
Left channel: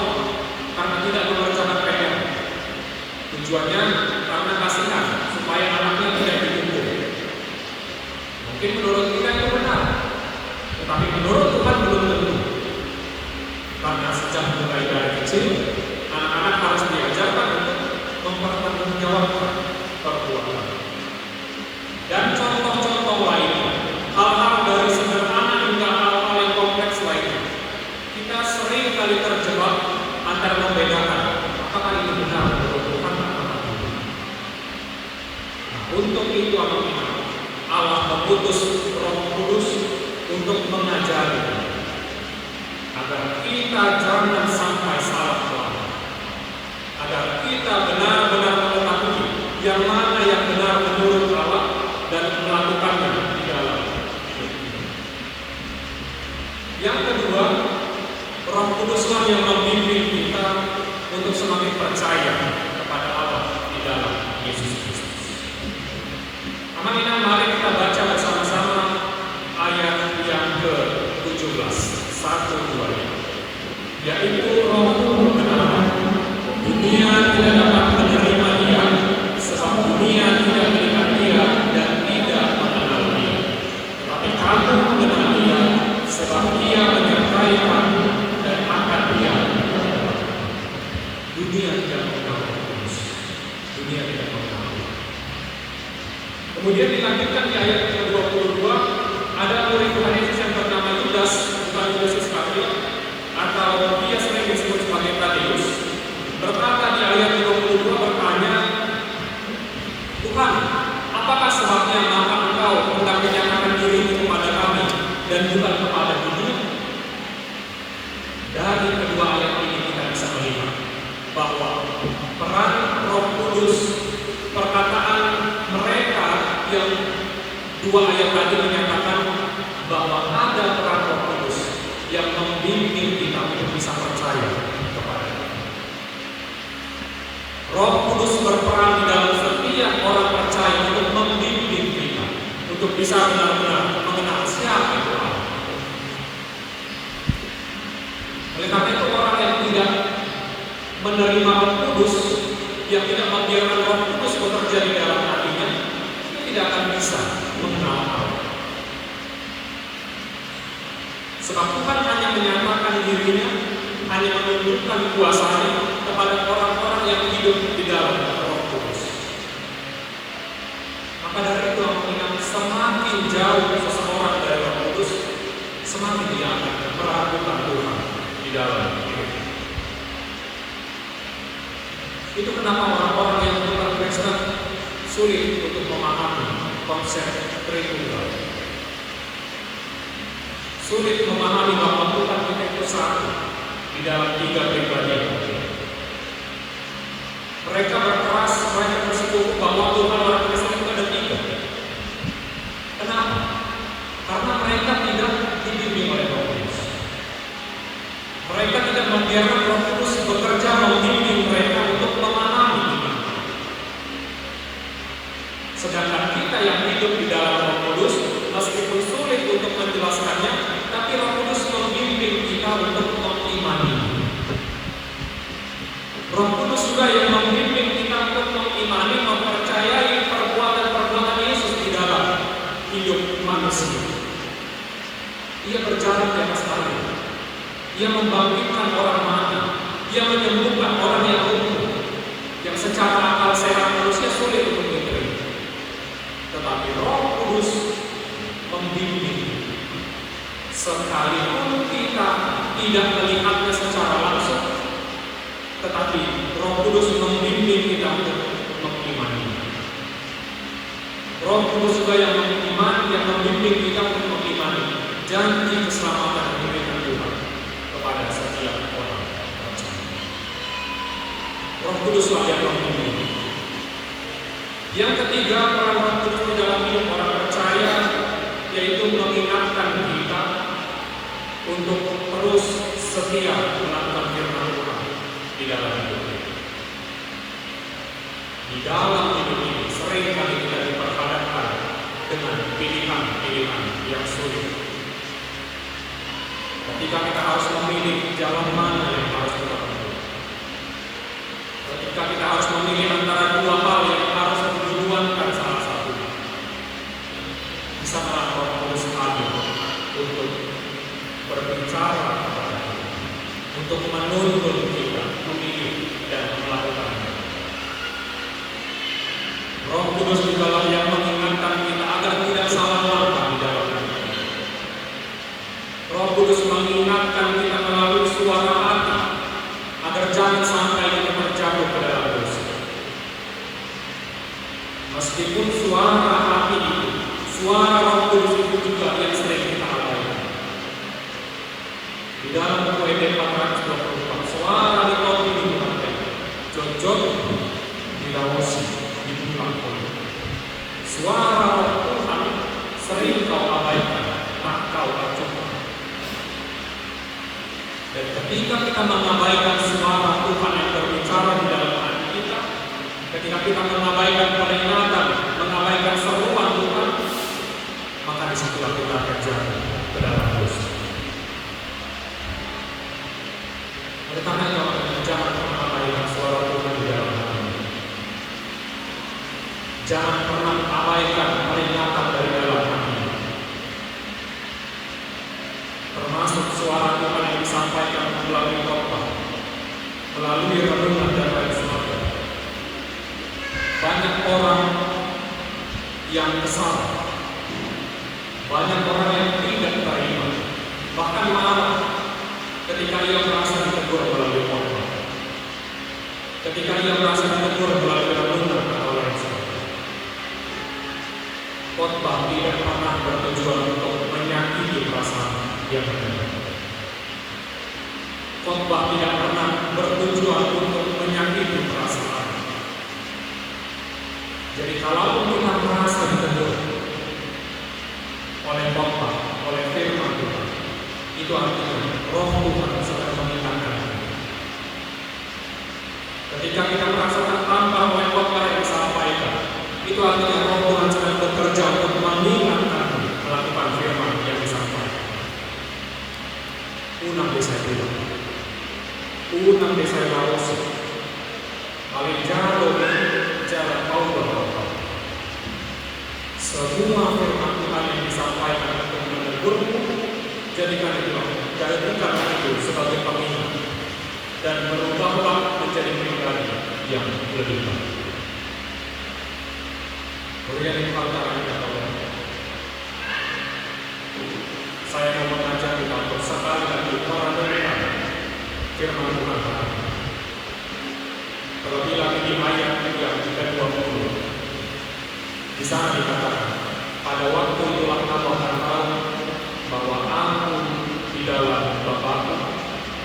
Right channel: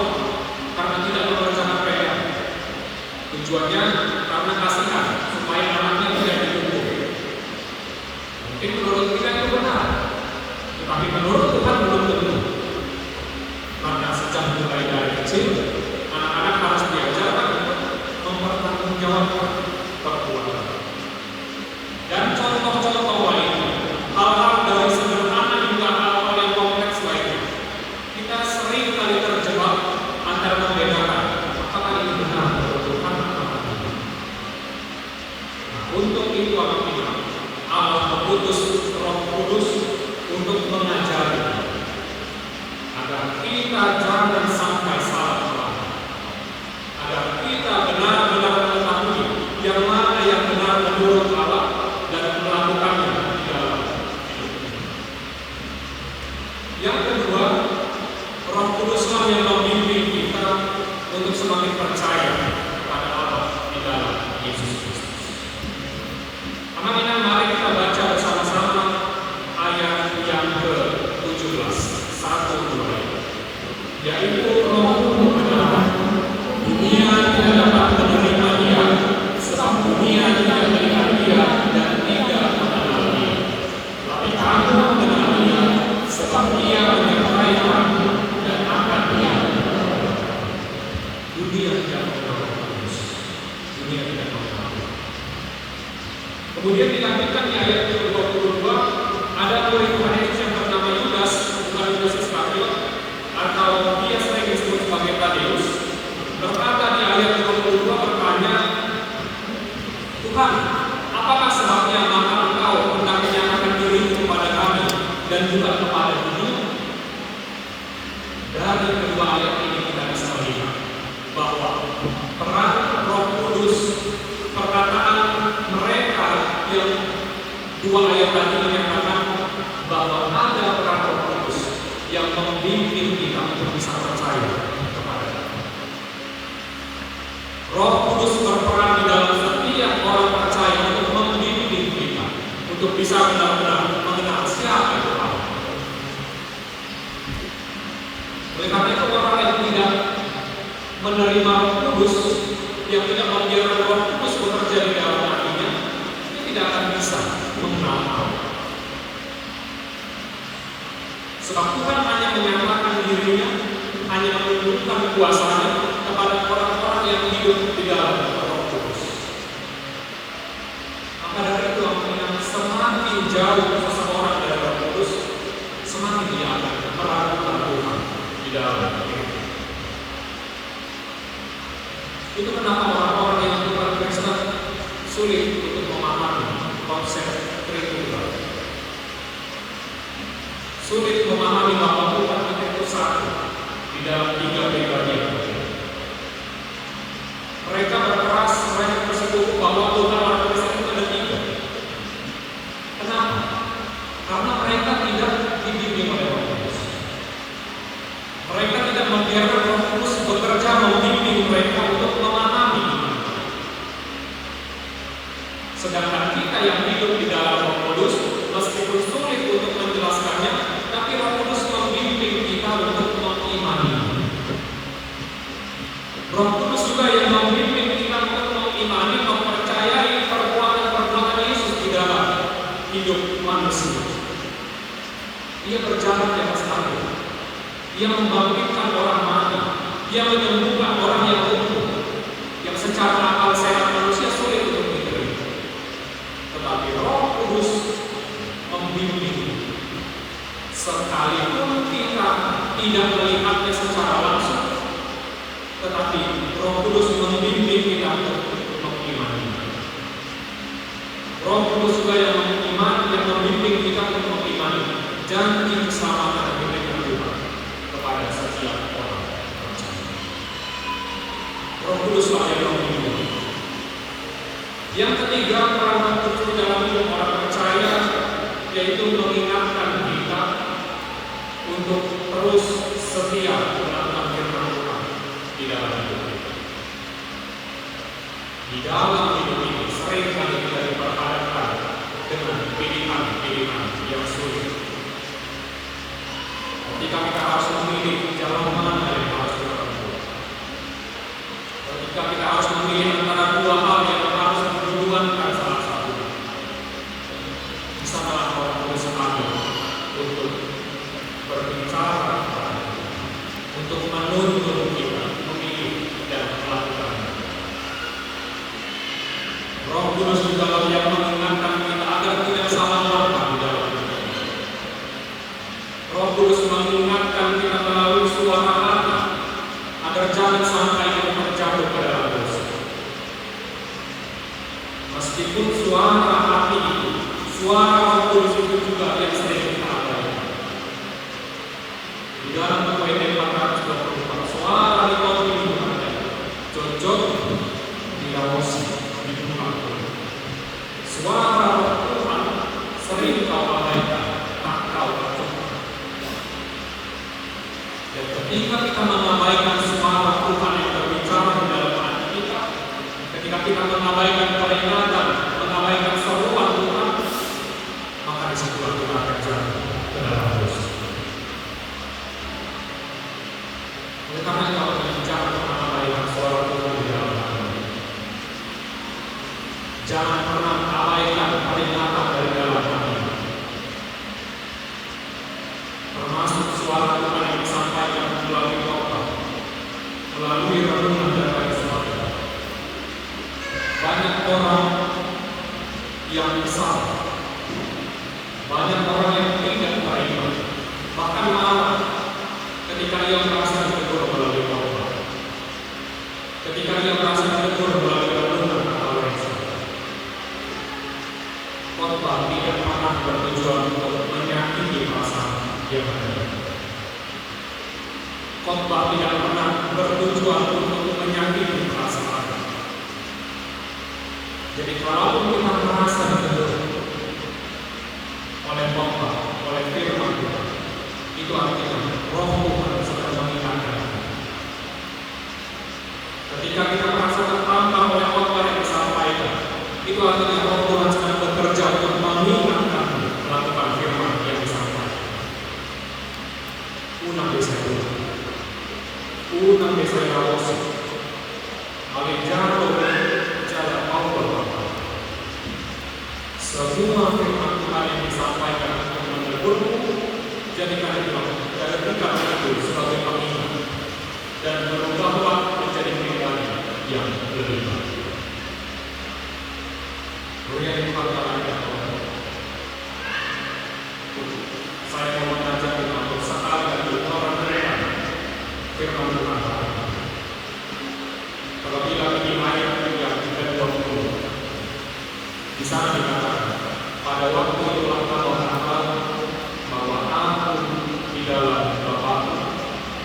karena tidak mengerjakan PR. Tujuannya karena kasihan supaya anaknya tidak dituntut. Mungkin menurut kita itu benar, tetapi menurut Tuhan belum tentu. Karena sejak mulai dari kecil, anak-anak harus diajarkan mempertanggungjawabkan perbuatan. Dan contoh-contoh lainnya, hal-hal dari sederhana hingga hal-hal yang kompleks lainnya, kita sering kali terjebak antara membedakan apakah ini benar menurut Tuhan itu anak-anak, Allah mengutus Roh Kudus untuk mengajari agar kita jangan sampai salah paham, agar kita benar-benar mengetahui yang mana yang benar menurut Allah dan melakukannya di dalam hidup kita. Yang kedua, Roh Kuduslah yang membimbing kita untuk semakin percaya kepada Allah di dalam Yesus Kristus. Anak-anak, mari kita baca bersama-sama ayat yang ke-17, 1-2, yaitu Roh berkata, dunia tidak dapat menerima Dia, sebab dunia tidak melihat Dia dan tidak mengenal Dia. Tapi kamu mengenal Dia, sebab Dia menyertai kamu dan akan Dia. Dunia tidak mengenal Kristus, dunia tidak mengenal Dia. Kemudian dilanjutkan di ayat ke-22, ada murid Yesus yang bernama Yudas, bukan Yudas Iskariot, atau dia sering disebut sebagai Tadeus, berkata di ayat ke-22 bertanya, Tuhan, apakah sebabnya maka Engkau hendak menyatakan diri kepada kami dan juga kepada dunia? Dari kedua ayat ini kita bisa melihat bahwa peran Roh Kudus, perkataan mereka yang dua ayat tadi menyatakan bahwa ada peran Roh Kudus yang membimbing kita untuk bisa percaya kepada Dia. Roh Kudus berperan di dalam setiap orang percaya untuk membimbing kita untuk bisa benar-benar mengenal siapa Allah. Oleh karena itu orang yang tidak menerima Roh Kudus, yang tidak membiarkan Roh Kudus bekerja di dalam hatinya, tidak akan bisa mengenal Allah. Sebab Tuhan hanya menyatakan dirinya, hanya menunjukkan kuasanya kepada orang-orang yang hidup di dalam Roh Kudus. Maka dari itu, semakin jauh seseorang dari Roh Kudus, semakin dia akan meragukan Tuhan di dalam hidupnya. Itu kenapa orang-orang yang bukan Kristen sulit untuk memahami konsep Tritunggal. Sulit memahami bahwa Tuhan itu satu di dalam tiga pribadi. Mereka berkeras, mereka tersebut bahwa Tuhan itu ada tiga. Kenapa? Karena mereka tidak dibimbing oleh Roh Kudus. Mereka tidak membiarkan Roh Kudus bekerja membimbing mereka untuk memahami iman. Sedangkan kita yang hidup di dalam Roh Kudus, meskipun sulit untuk menjelaskannya, tapi Roh Kudus membimbing kita untuk mengimani. Roh Kudus juga yang membimbing kita untuk mengimani, mempercayai perbuatan-perbuatan Yesus di dalam hidup manusia. Ia berjalan di atas air. Ia membangkitkan orang mati. Ia menyembuhkan orang yang lumpuh, yang secara akal sehat manusia sulit untuk diterima. Tetapi Roh Kudus membimbing. Sekalipun kita tidak melihatnya secara langsung, tetapi Roh Kudus membimbing kita untuk mengimani. Roh Kudus juga yang mengimani dan membimbing kita untuk mengimani janji keselamatan yang diberikan Tuhan kepada setiap orang percaya. Roh Kudus yang membimbing. Yang ketiga, peran Roh Kudus dalam hidup orang percaya yaitu mengingatkan kita untuk terus setia melakukan firman Tuhan di dalam hidup kita. Di dalam hidup ini sering kali kita diperhadapkan dengan pilihan-pilihan yang sulit. Ketika kita harus memilih jalan mana yang harus kita tempuh. Ketika kita harus memilih antara dua hal yang harus diperjuangkan salah satunya. Bisa Roh Kudus hadir untuk berbicara, untuk menuntun kita memilih dan melakukannya. Roh Kudus juga yang mengingatkan kita agar tidak salah langkah di dalam hidup. Roh Kudus mengingatkan kita melalui suara hati agar jangan sampai kita terjatuh ke dalam dosa. Meskipun suara Jangan pernah abaikan peringatan dari dalam hati, termasuk suara Tuhan yang disampaikan melalui khotbah, melalui renungan dari surga. Banyak orang yang besar, banyak orang yang tidak beriman, bahkan marah ketika ia merasa ditegur melalui khotbah, ketika ia merasa ditegur melalui renungan atau yang salah. Khotbah tidak pernah bertujuan untuk menyakiti perasaan yang ada. Khotbah tidak pernah bertujuan untuk menyakiti perasaan. Jadi kalau Tuhan merasa ditegur oleh khotbah, oleh firman Tuhan, itu artinya Roh Tuhan sedang mengingatkan. Ketika kita merasa tertampar oleh khotbah yang disampaikan, itu artinya Roh Tuhan sedang bekerja untuk mengingatkan melakukan firman yang disampaikan. Unang desa itu, unang desa yang rosik, alijaro jalan Allah. Semua firman Tuhan yang disampaikan untuk menegurmu, jadikan itu dari dekat itu sebagai pengingat dan berubahlah menjadi pribadi yang lebih baik. Kemudian saya mau mengajak kita untuk sekali lagi orang beriman firman Tuhan. Terlebih lagi di ayat yang ke-20, di sana dikatakan, pada waktu itulah kamu akan tahu bahwa aku di dalam Bapa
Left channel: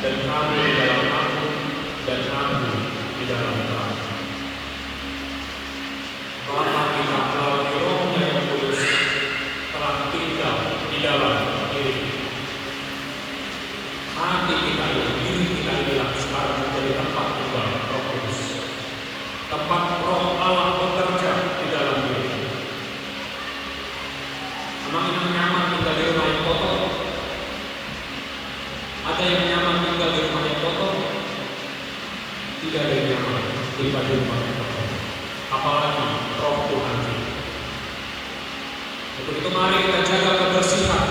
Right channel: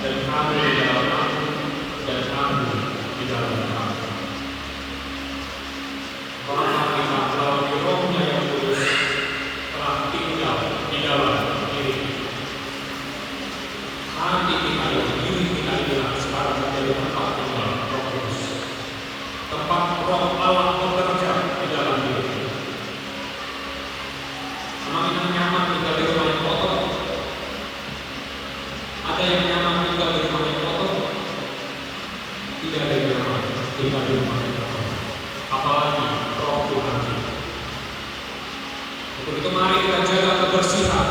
dan kamu di dalam aku dan kamu di dalam Bapa. Orang yang kita melalui Rohnya yang kudus telah tinggal di dalam diri kita. Hati kita ini, diri kita inilah sekarang menjadi tempat tinggal Roh Kudus, tempat Roh Allah bekerja di dalam diri kita. Memang itu nyaman tinggal di rumah yang kotor. Ada yang nyaman tinggal di rumah yang kotor? Tidak ada yang nyaman tinggal di rumah yang kotor. Apalagi Roh Tuhan kita. Untuk itu mari kita jaga kebersihan,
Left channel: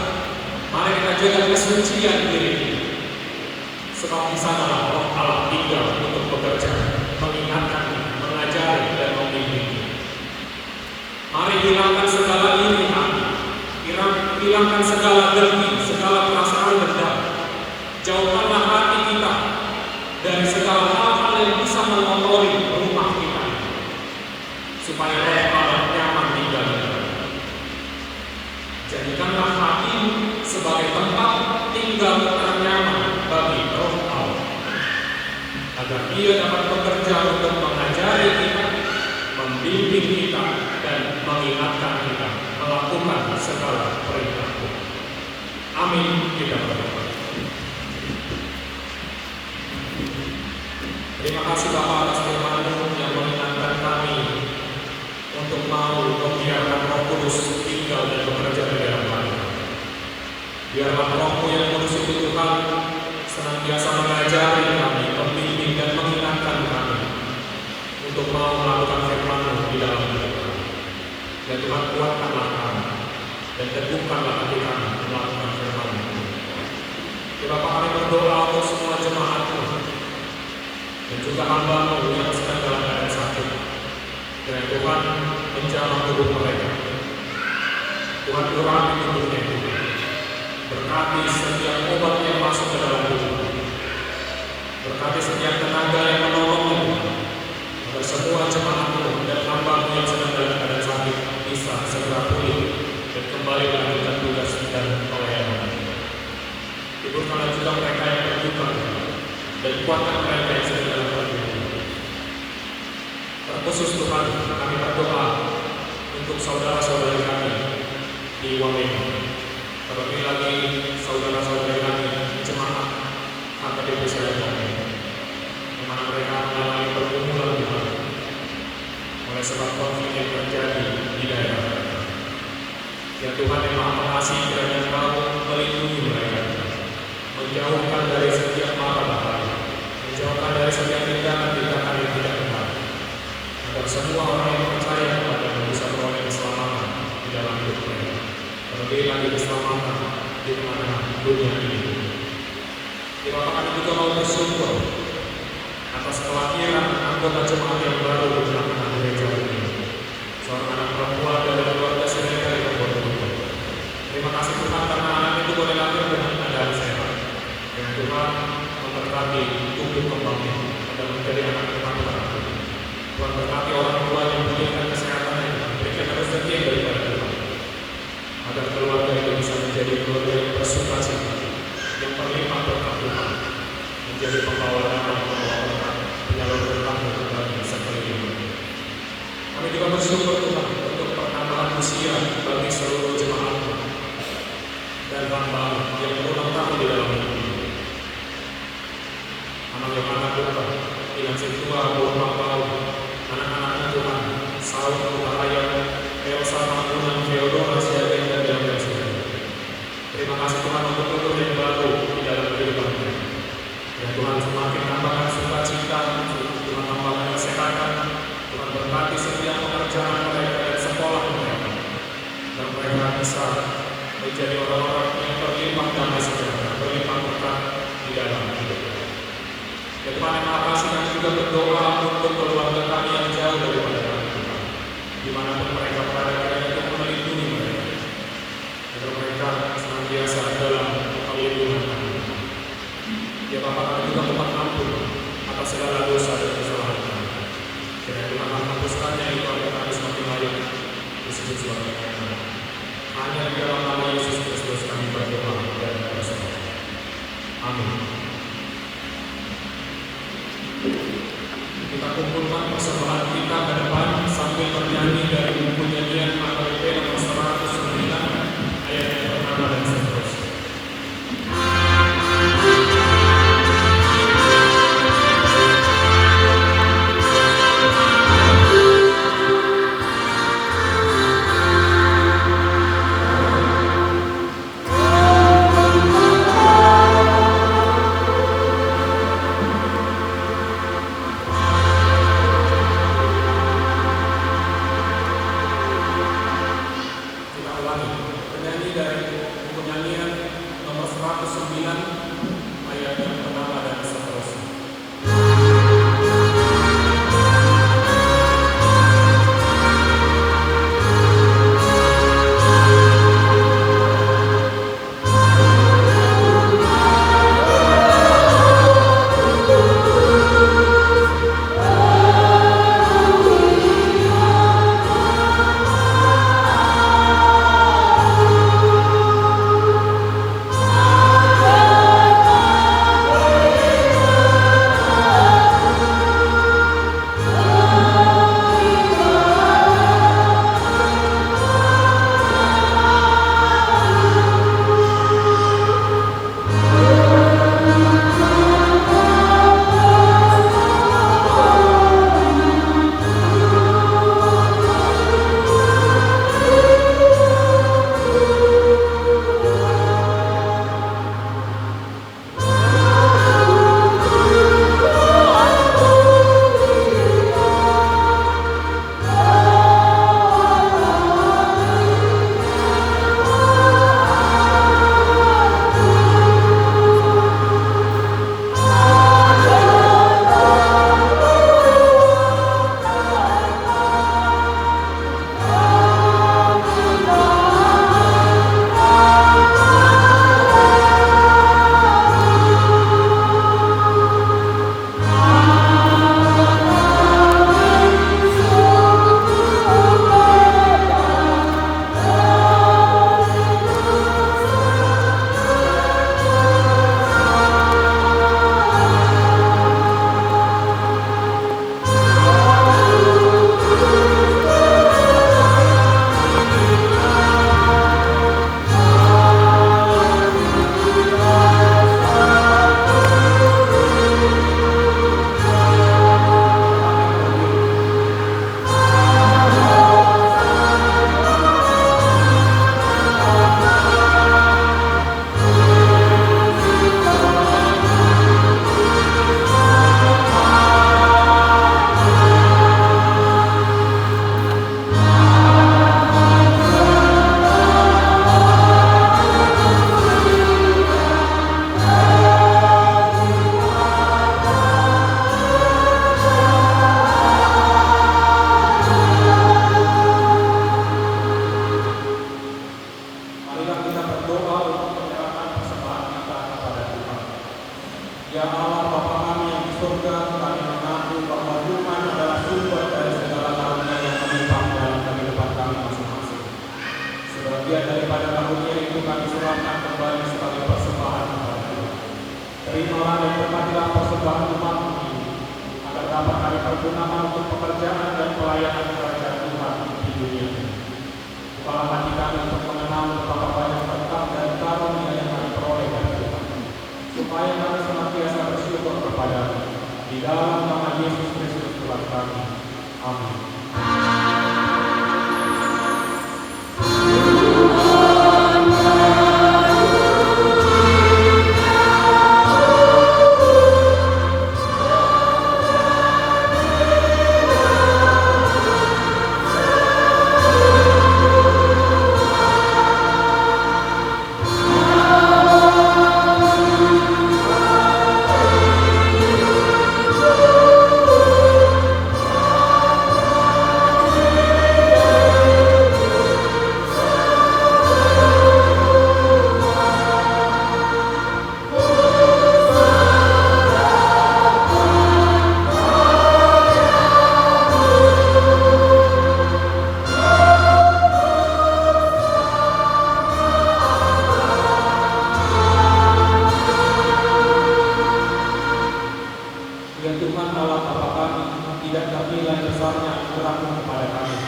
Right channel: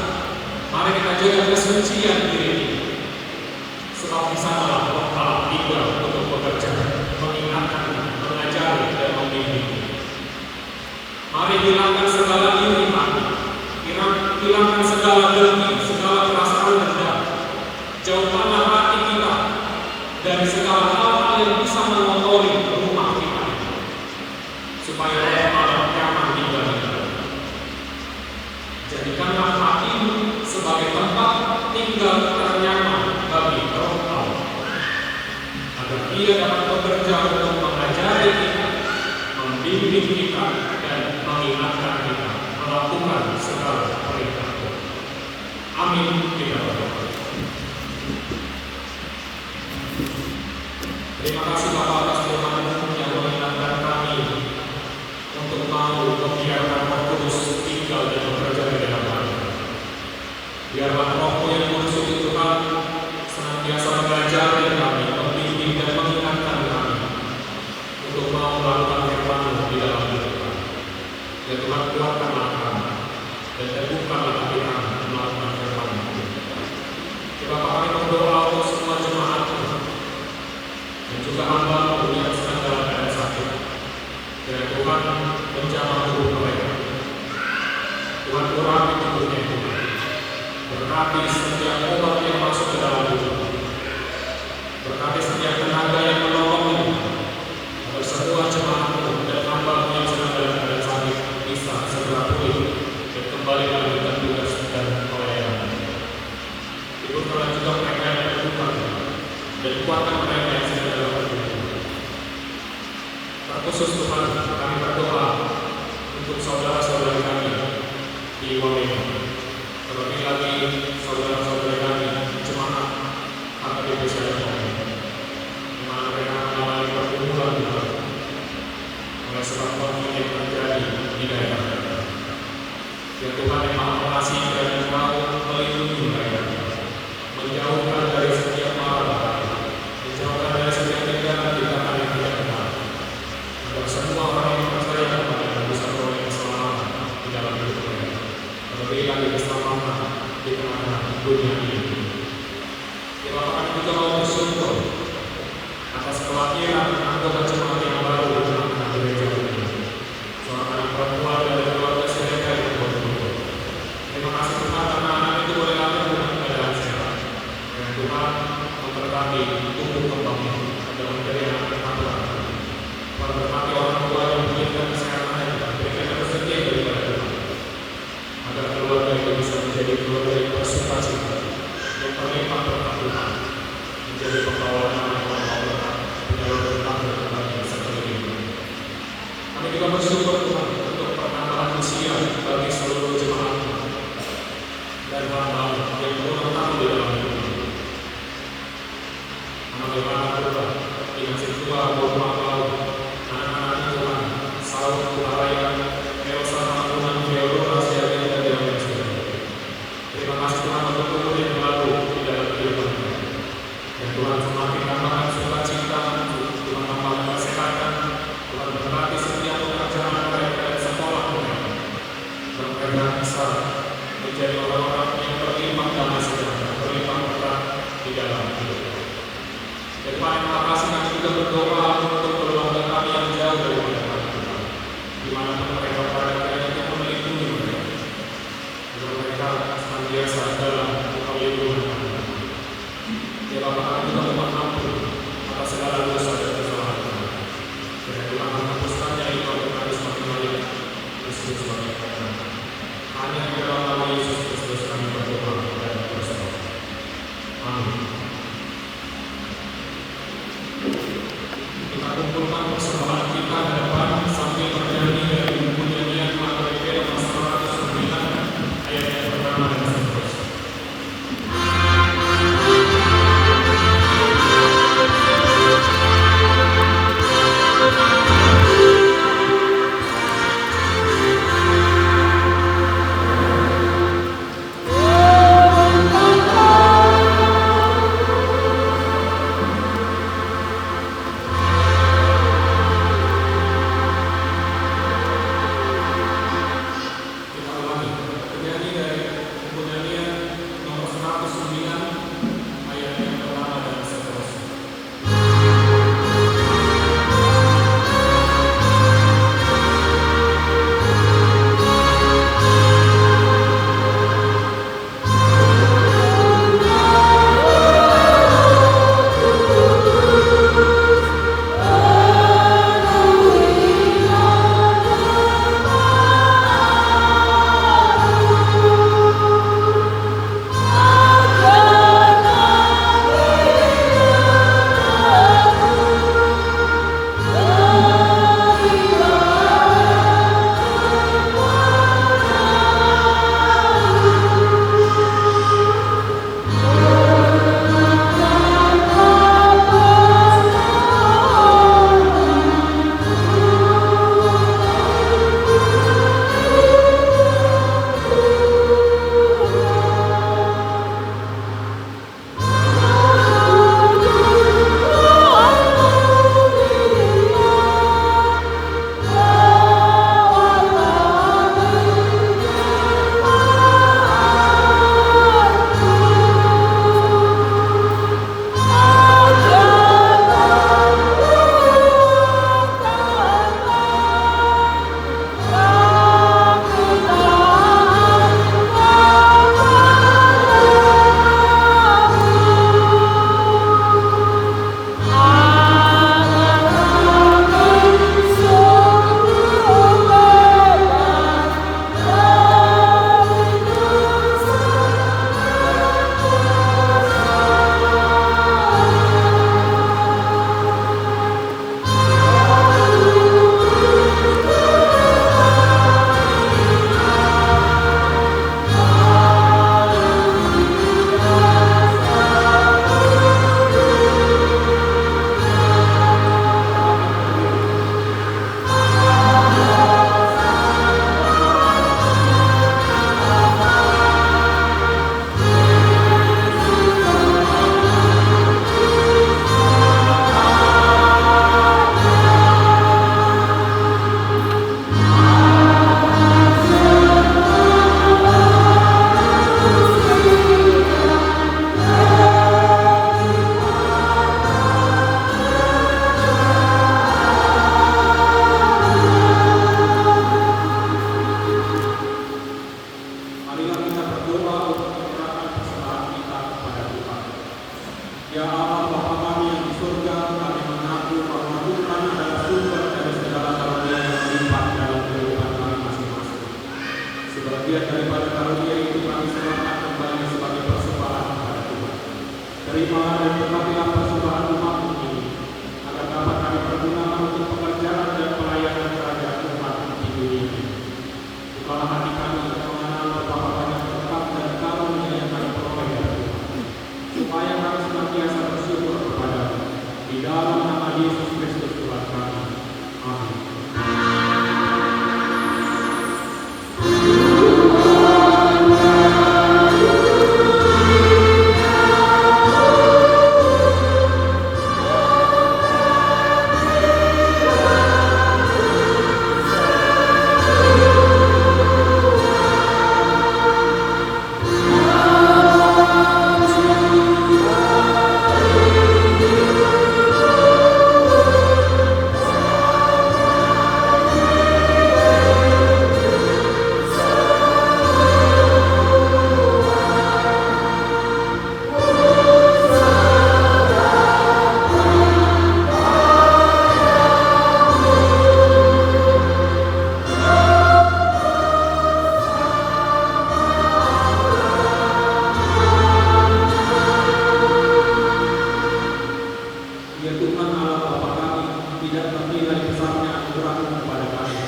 mari kita jaga kesucian diri kita. Sebab di sana Roh Allah tinggal untuk bekerja, mengingatkan, mengajari dan membimbing. Mari hilangkan segala iri hati, hilangkan segala dengki, segala perasaan dendam. Jauhkanlah hati kita dari segala hal yang bisa mengotori rumah kita, supaya Roh Allah nyaman tinggal di dalam. Jadikanlah hatimu sebagai tempat tinggal ternyaman bagi Roh Allah, agar Ia dapat bekerja untuk mengajari kita, membimbing kita, dan mengingatkan kita melakukan segala perintah Tuhan. Amin. Kita berdoa. Terima kasih Bapa atas firman-Mu yang mengingatkan kami untuk mau membiarkan Roh Kudus tinggal dan bekerja di dalam kami. Biarlah Roh yang kudus itu Tuhan senantiasa mengajari kami, membimbing dan mengingatkan kami untuk mau melakukan firman-Mu di dalam hidup kami. Dan Tuhan kuatkanlah kami dan teguhkanlah hati kami melakukan firman-Mu. Kita kami berdoa untuk semua jemaat dan juga hamba-Mu yang sedang dalam keadaan sakit. Dengan Tuhan menjamah tubuh mereka. Tuhan kurangi tubuhnya Tuhan. Berkati setiap obat yang masuk ke dalam tubuh. Berkati setiap tenaga yang menolongnya Tuhan. Agar semua jemaat-Mu dan hamba-Mu yang sedang dalam keadaan sakit bisa segera pulih dan kembali lagi tertugas dan pelayanan. Hidupkanlah juga mereka yang terluka dan kuatkan mereka yang sedang dalam keadaan. Terkhusus Tuhan, kami berdoa untuk saudara-saudara kami di Wamena. Terlebih lagi saudara-saudara kami jemaat HKBP Sayakami, di mana mereka mengalami pergumulan Tuhan oleh sebab konflik yang terjadi di daerah mereka. Ya Tuhan yang Maha Pengasih dan yang mau melindungi mereka, menjauhkan dari setiap mara bahaya, menjauhkan dari setiap tindakan yang tidak benar, agar semua orang yang percaya kepada saudara jemaat yang baru berjemaat di gereja ini. Seorang anak perempuan dari keluarga Senegal di Pondok. Terima kasih Tuhan karena anak itu boleh lahir dengan keadaan sehat. Dan Tuhan memberkati tumbuh kembang dalam menjadi anak Tuhan. Memberkati orang tua yang memberikan kesehatan dan berikan rezeki dari Tuhan. Agar keluarga itu bisa menjadi keluarga yang bersukacita, yang terlibat berkat Tuhan, menjadi pengawal orang-orang penyalur berkat Tuhan serta hidup. Kami juga bersyukur Tuhan untuk penambahan usia bagi seluruh jemaat dan hamba yang berulang tahun di dalam hidup. Anak-anak Tuhan yang setua berulang tahun, anak-anak Tuhan Salom Buhaya, Elsa Marunan, Theodora Siaga dan Daniel. Terima kasih Tuhan untuk umur yang baru di dalam kehidupan kami. Dan Tuhan semakin tambahkan sukacita, Tuhan tambahkan kesehatan, Tuhan berkati setiap pekerjaan mereka dan berkatilah persembahan umat ini, agar dapat kami pergunakan untuk pekerjaan dan pelayanan kerajaan Tuhan di dunia ini. Bukalah hati kami untuk mengenal betapa banyak berkat dan karunia yang kami peroleh dari Tuhan, supaya kami senantiasa bersyukur kepada-Mu. Di dalam nama Yesus Kristus Tuhan kami. Amin. Ya Tuhan Allah Bapa kami, tidak ternilai besarnya anugerah-Mu kepada kami,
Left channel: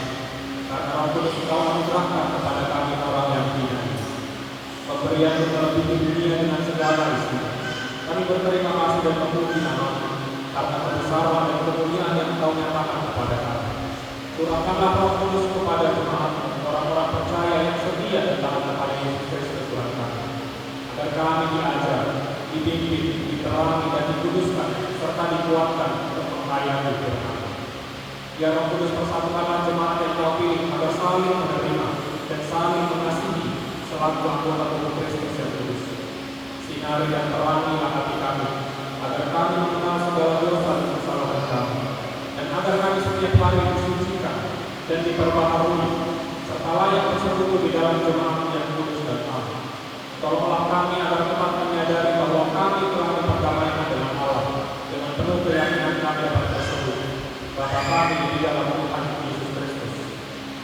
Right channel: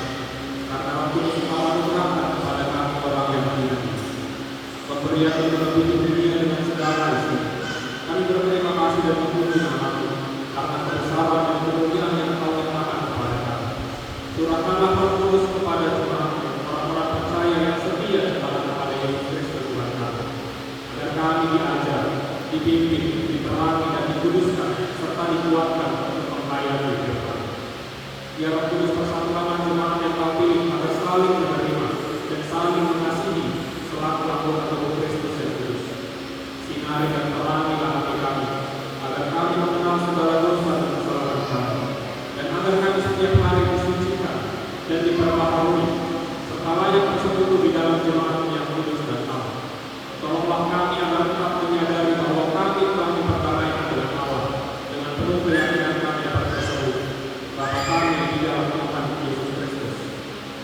karena Engkau suka anugerahkan kepada kami orang yang hina. Pemberian melebihi dunia dengan segala isi. Kami berterima kasih dan memuji nama-Mu, karena kebesaran dan kemuliaan yang Engkau nyatakan kepada kami. Curahkanlah Roh Kudus kepada jemaat-Mu, orang-orang percaya yang setia di dalam kepada Yesus Kristus Tuhan kami, agar kami diajar, dipimpin, diterangi dan dikuduskan, serta dikuatkan untuk melayani firman. Ya Roh Kudus, persatukan jemaat yang Kau pilih agar saling menerima dan saling mengasihi selaku anggota tubuh Kristus yang kudus. Sinari dan terangilah hati kami, agar kami mengenal segala dosa dan kesalahan kami, dan agar kami setiap hari disucikan dan diperbaharui, serta layak bersekutu di dalam jemaat yang kudus dan aman. Tolonglah kami agar tetap menyadari bahwa kami telah memperbaraikan dengan Allah dengan penuh keyakinan kami dapat tersebut. Bapa kami di dalam Tuhan Yesus Kristus,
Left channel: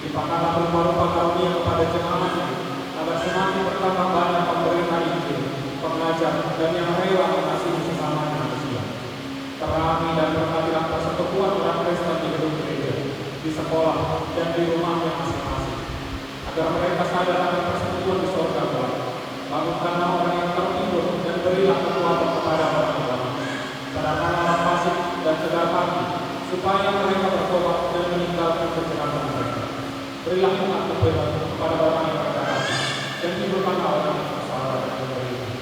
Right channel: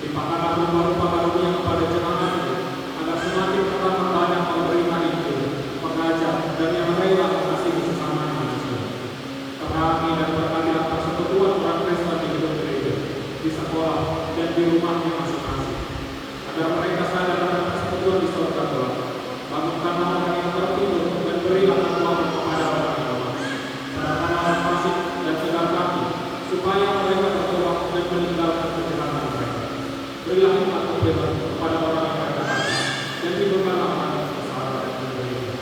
limpahkanlah rupa-rupa karunia kepada jemaat-Mu, agar semakin bertambah banyak pemberi Injil, pengajar, dan yang rela mengasihi sesama manusia. Terangi dan berkatilah persekutuan orang Kristen di gedung gereja, di sekolah, dan di rumahnya masing-masing, agar mereka sadar akan persekutuan di surga kelak. Bangunkanlah orang yang tertidur dan berilah kekuatan kepada orang yang lemah. Serahkanlah fasik dan segala supaya mereka bertobat dan meninggalkan kejahatan mereka. Berilah hikmat kepada orang yang rendah hati, dan timbulkanlah orang yang bersalah dan menderita,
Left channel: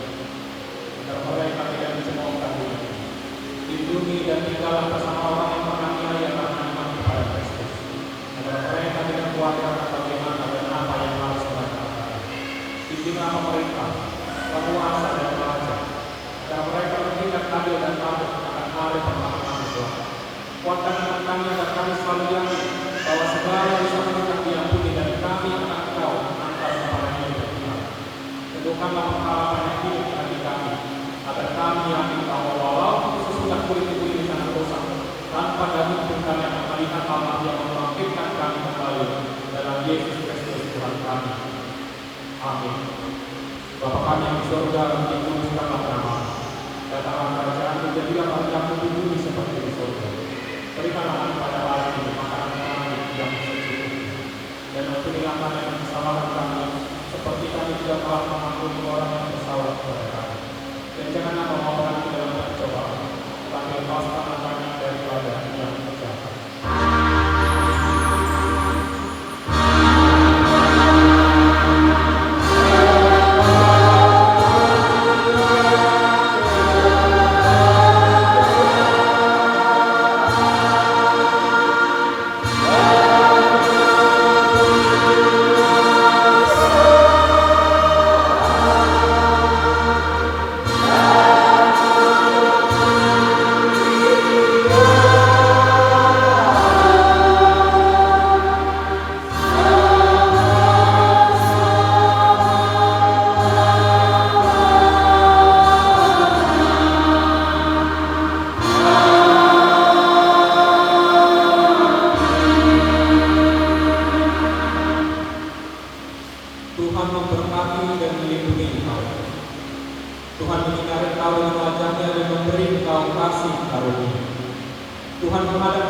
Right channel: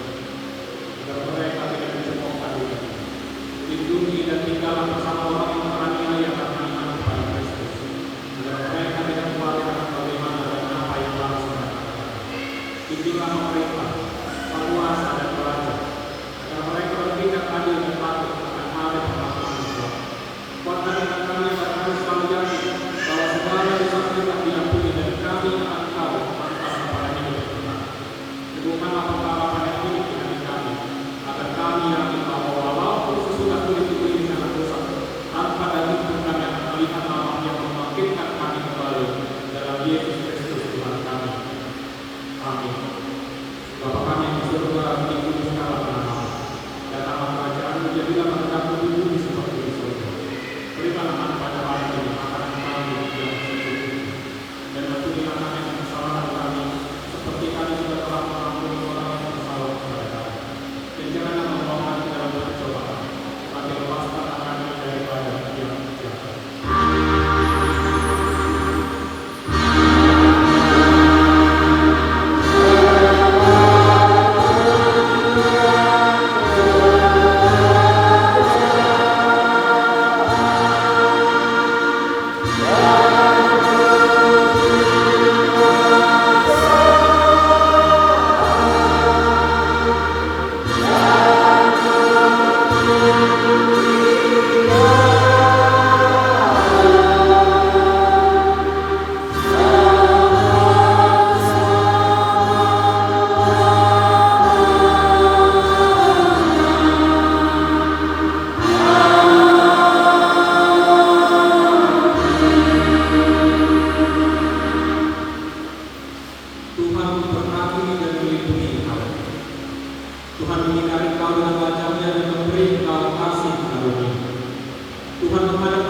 agar mereka tidak dicemoohkan dunia. Lindungi dan tinggallah bersama orang yang menganiaya karena iman kepada Kristus, agar mereka tidak keluarkan bagaimana dan apa yang telah mereka. Bimbinglah mereka, penguasa dan pelajar, agar mereka bertindak adil dan patuh akan hari perlakuan Tuhan. Kuatkan dengan kami agar kami selalu yakin bahwa segala yang disangsikan diampuni, dan kami akan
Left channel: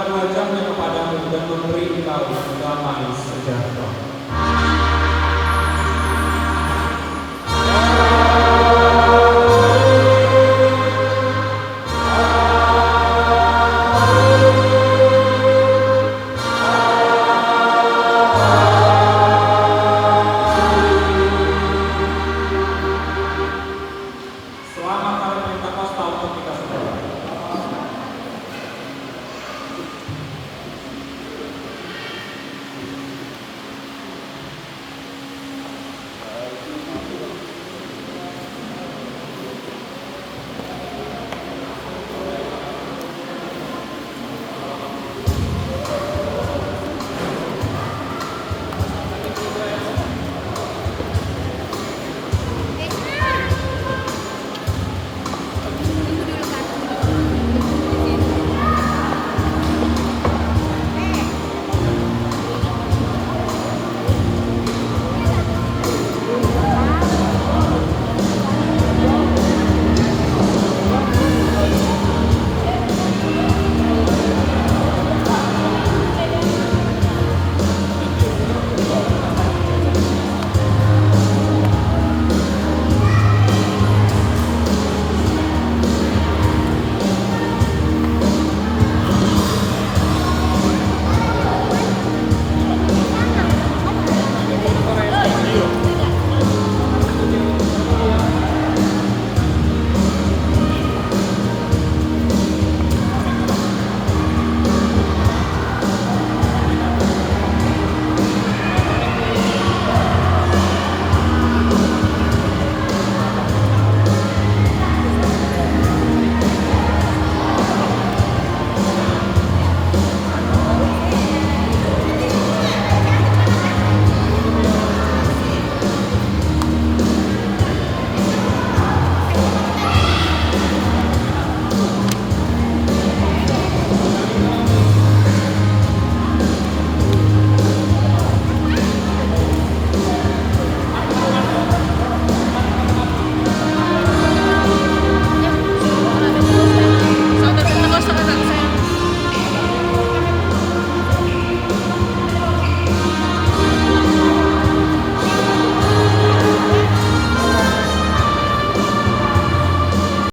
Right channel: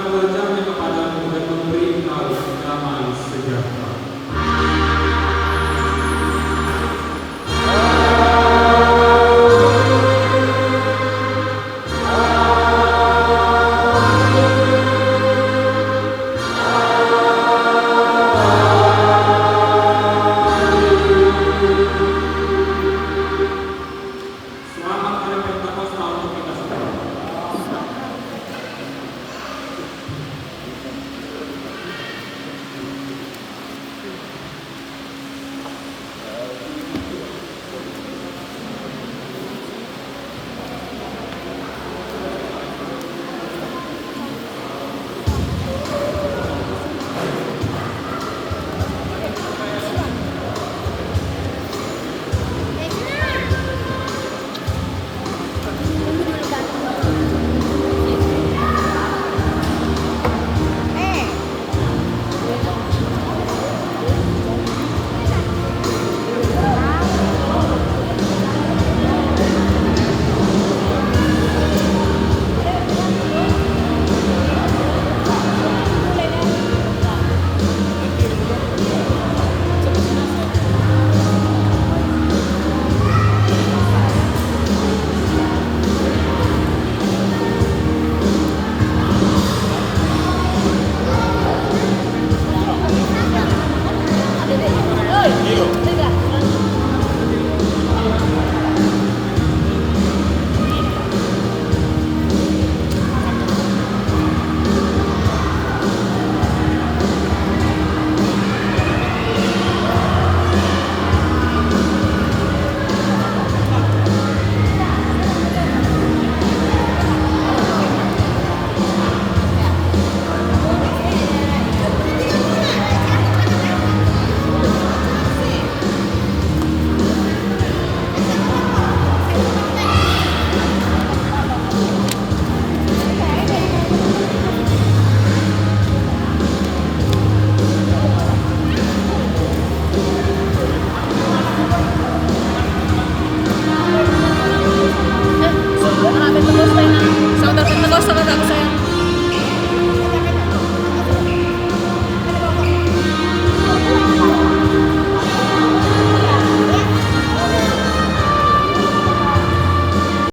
wajahnya kepadamu dan memberi engkau damai sejahtera.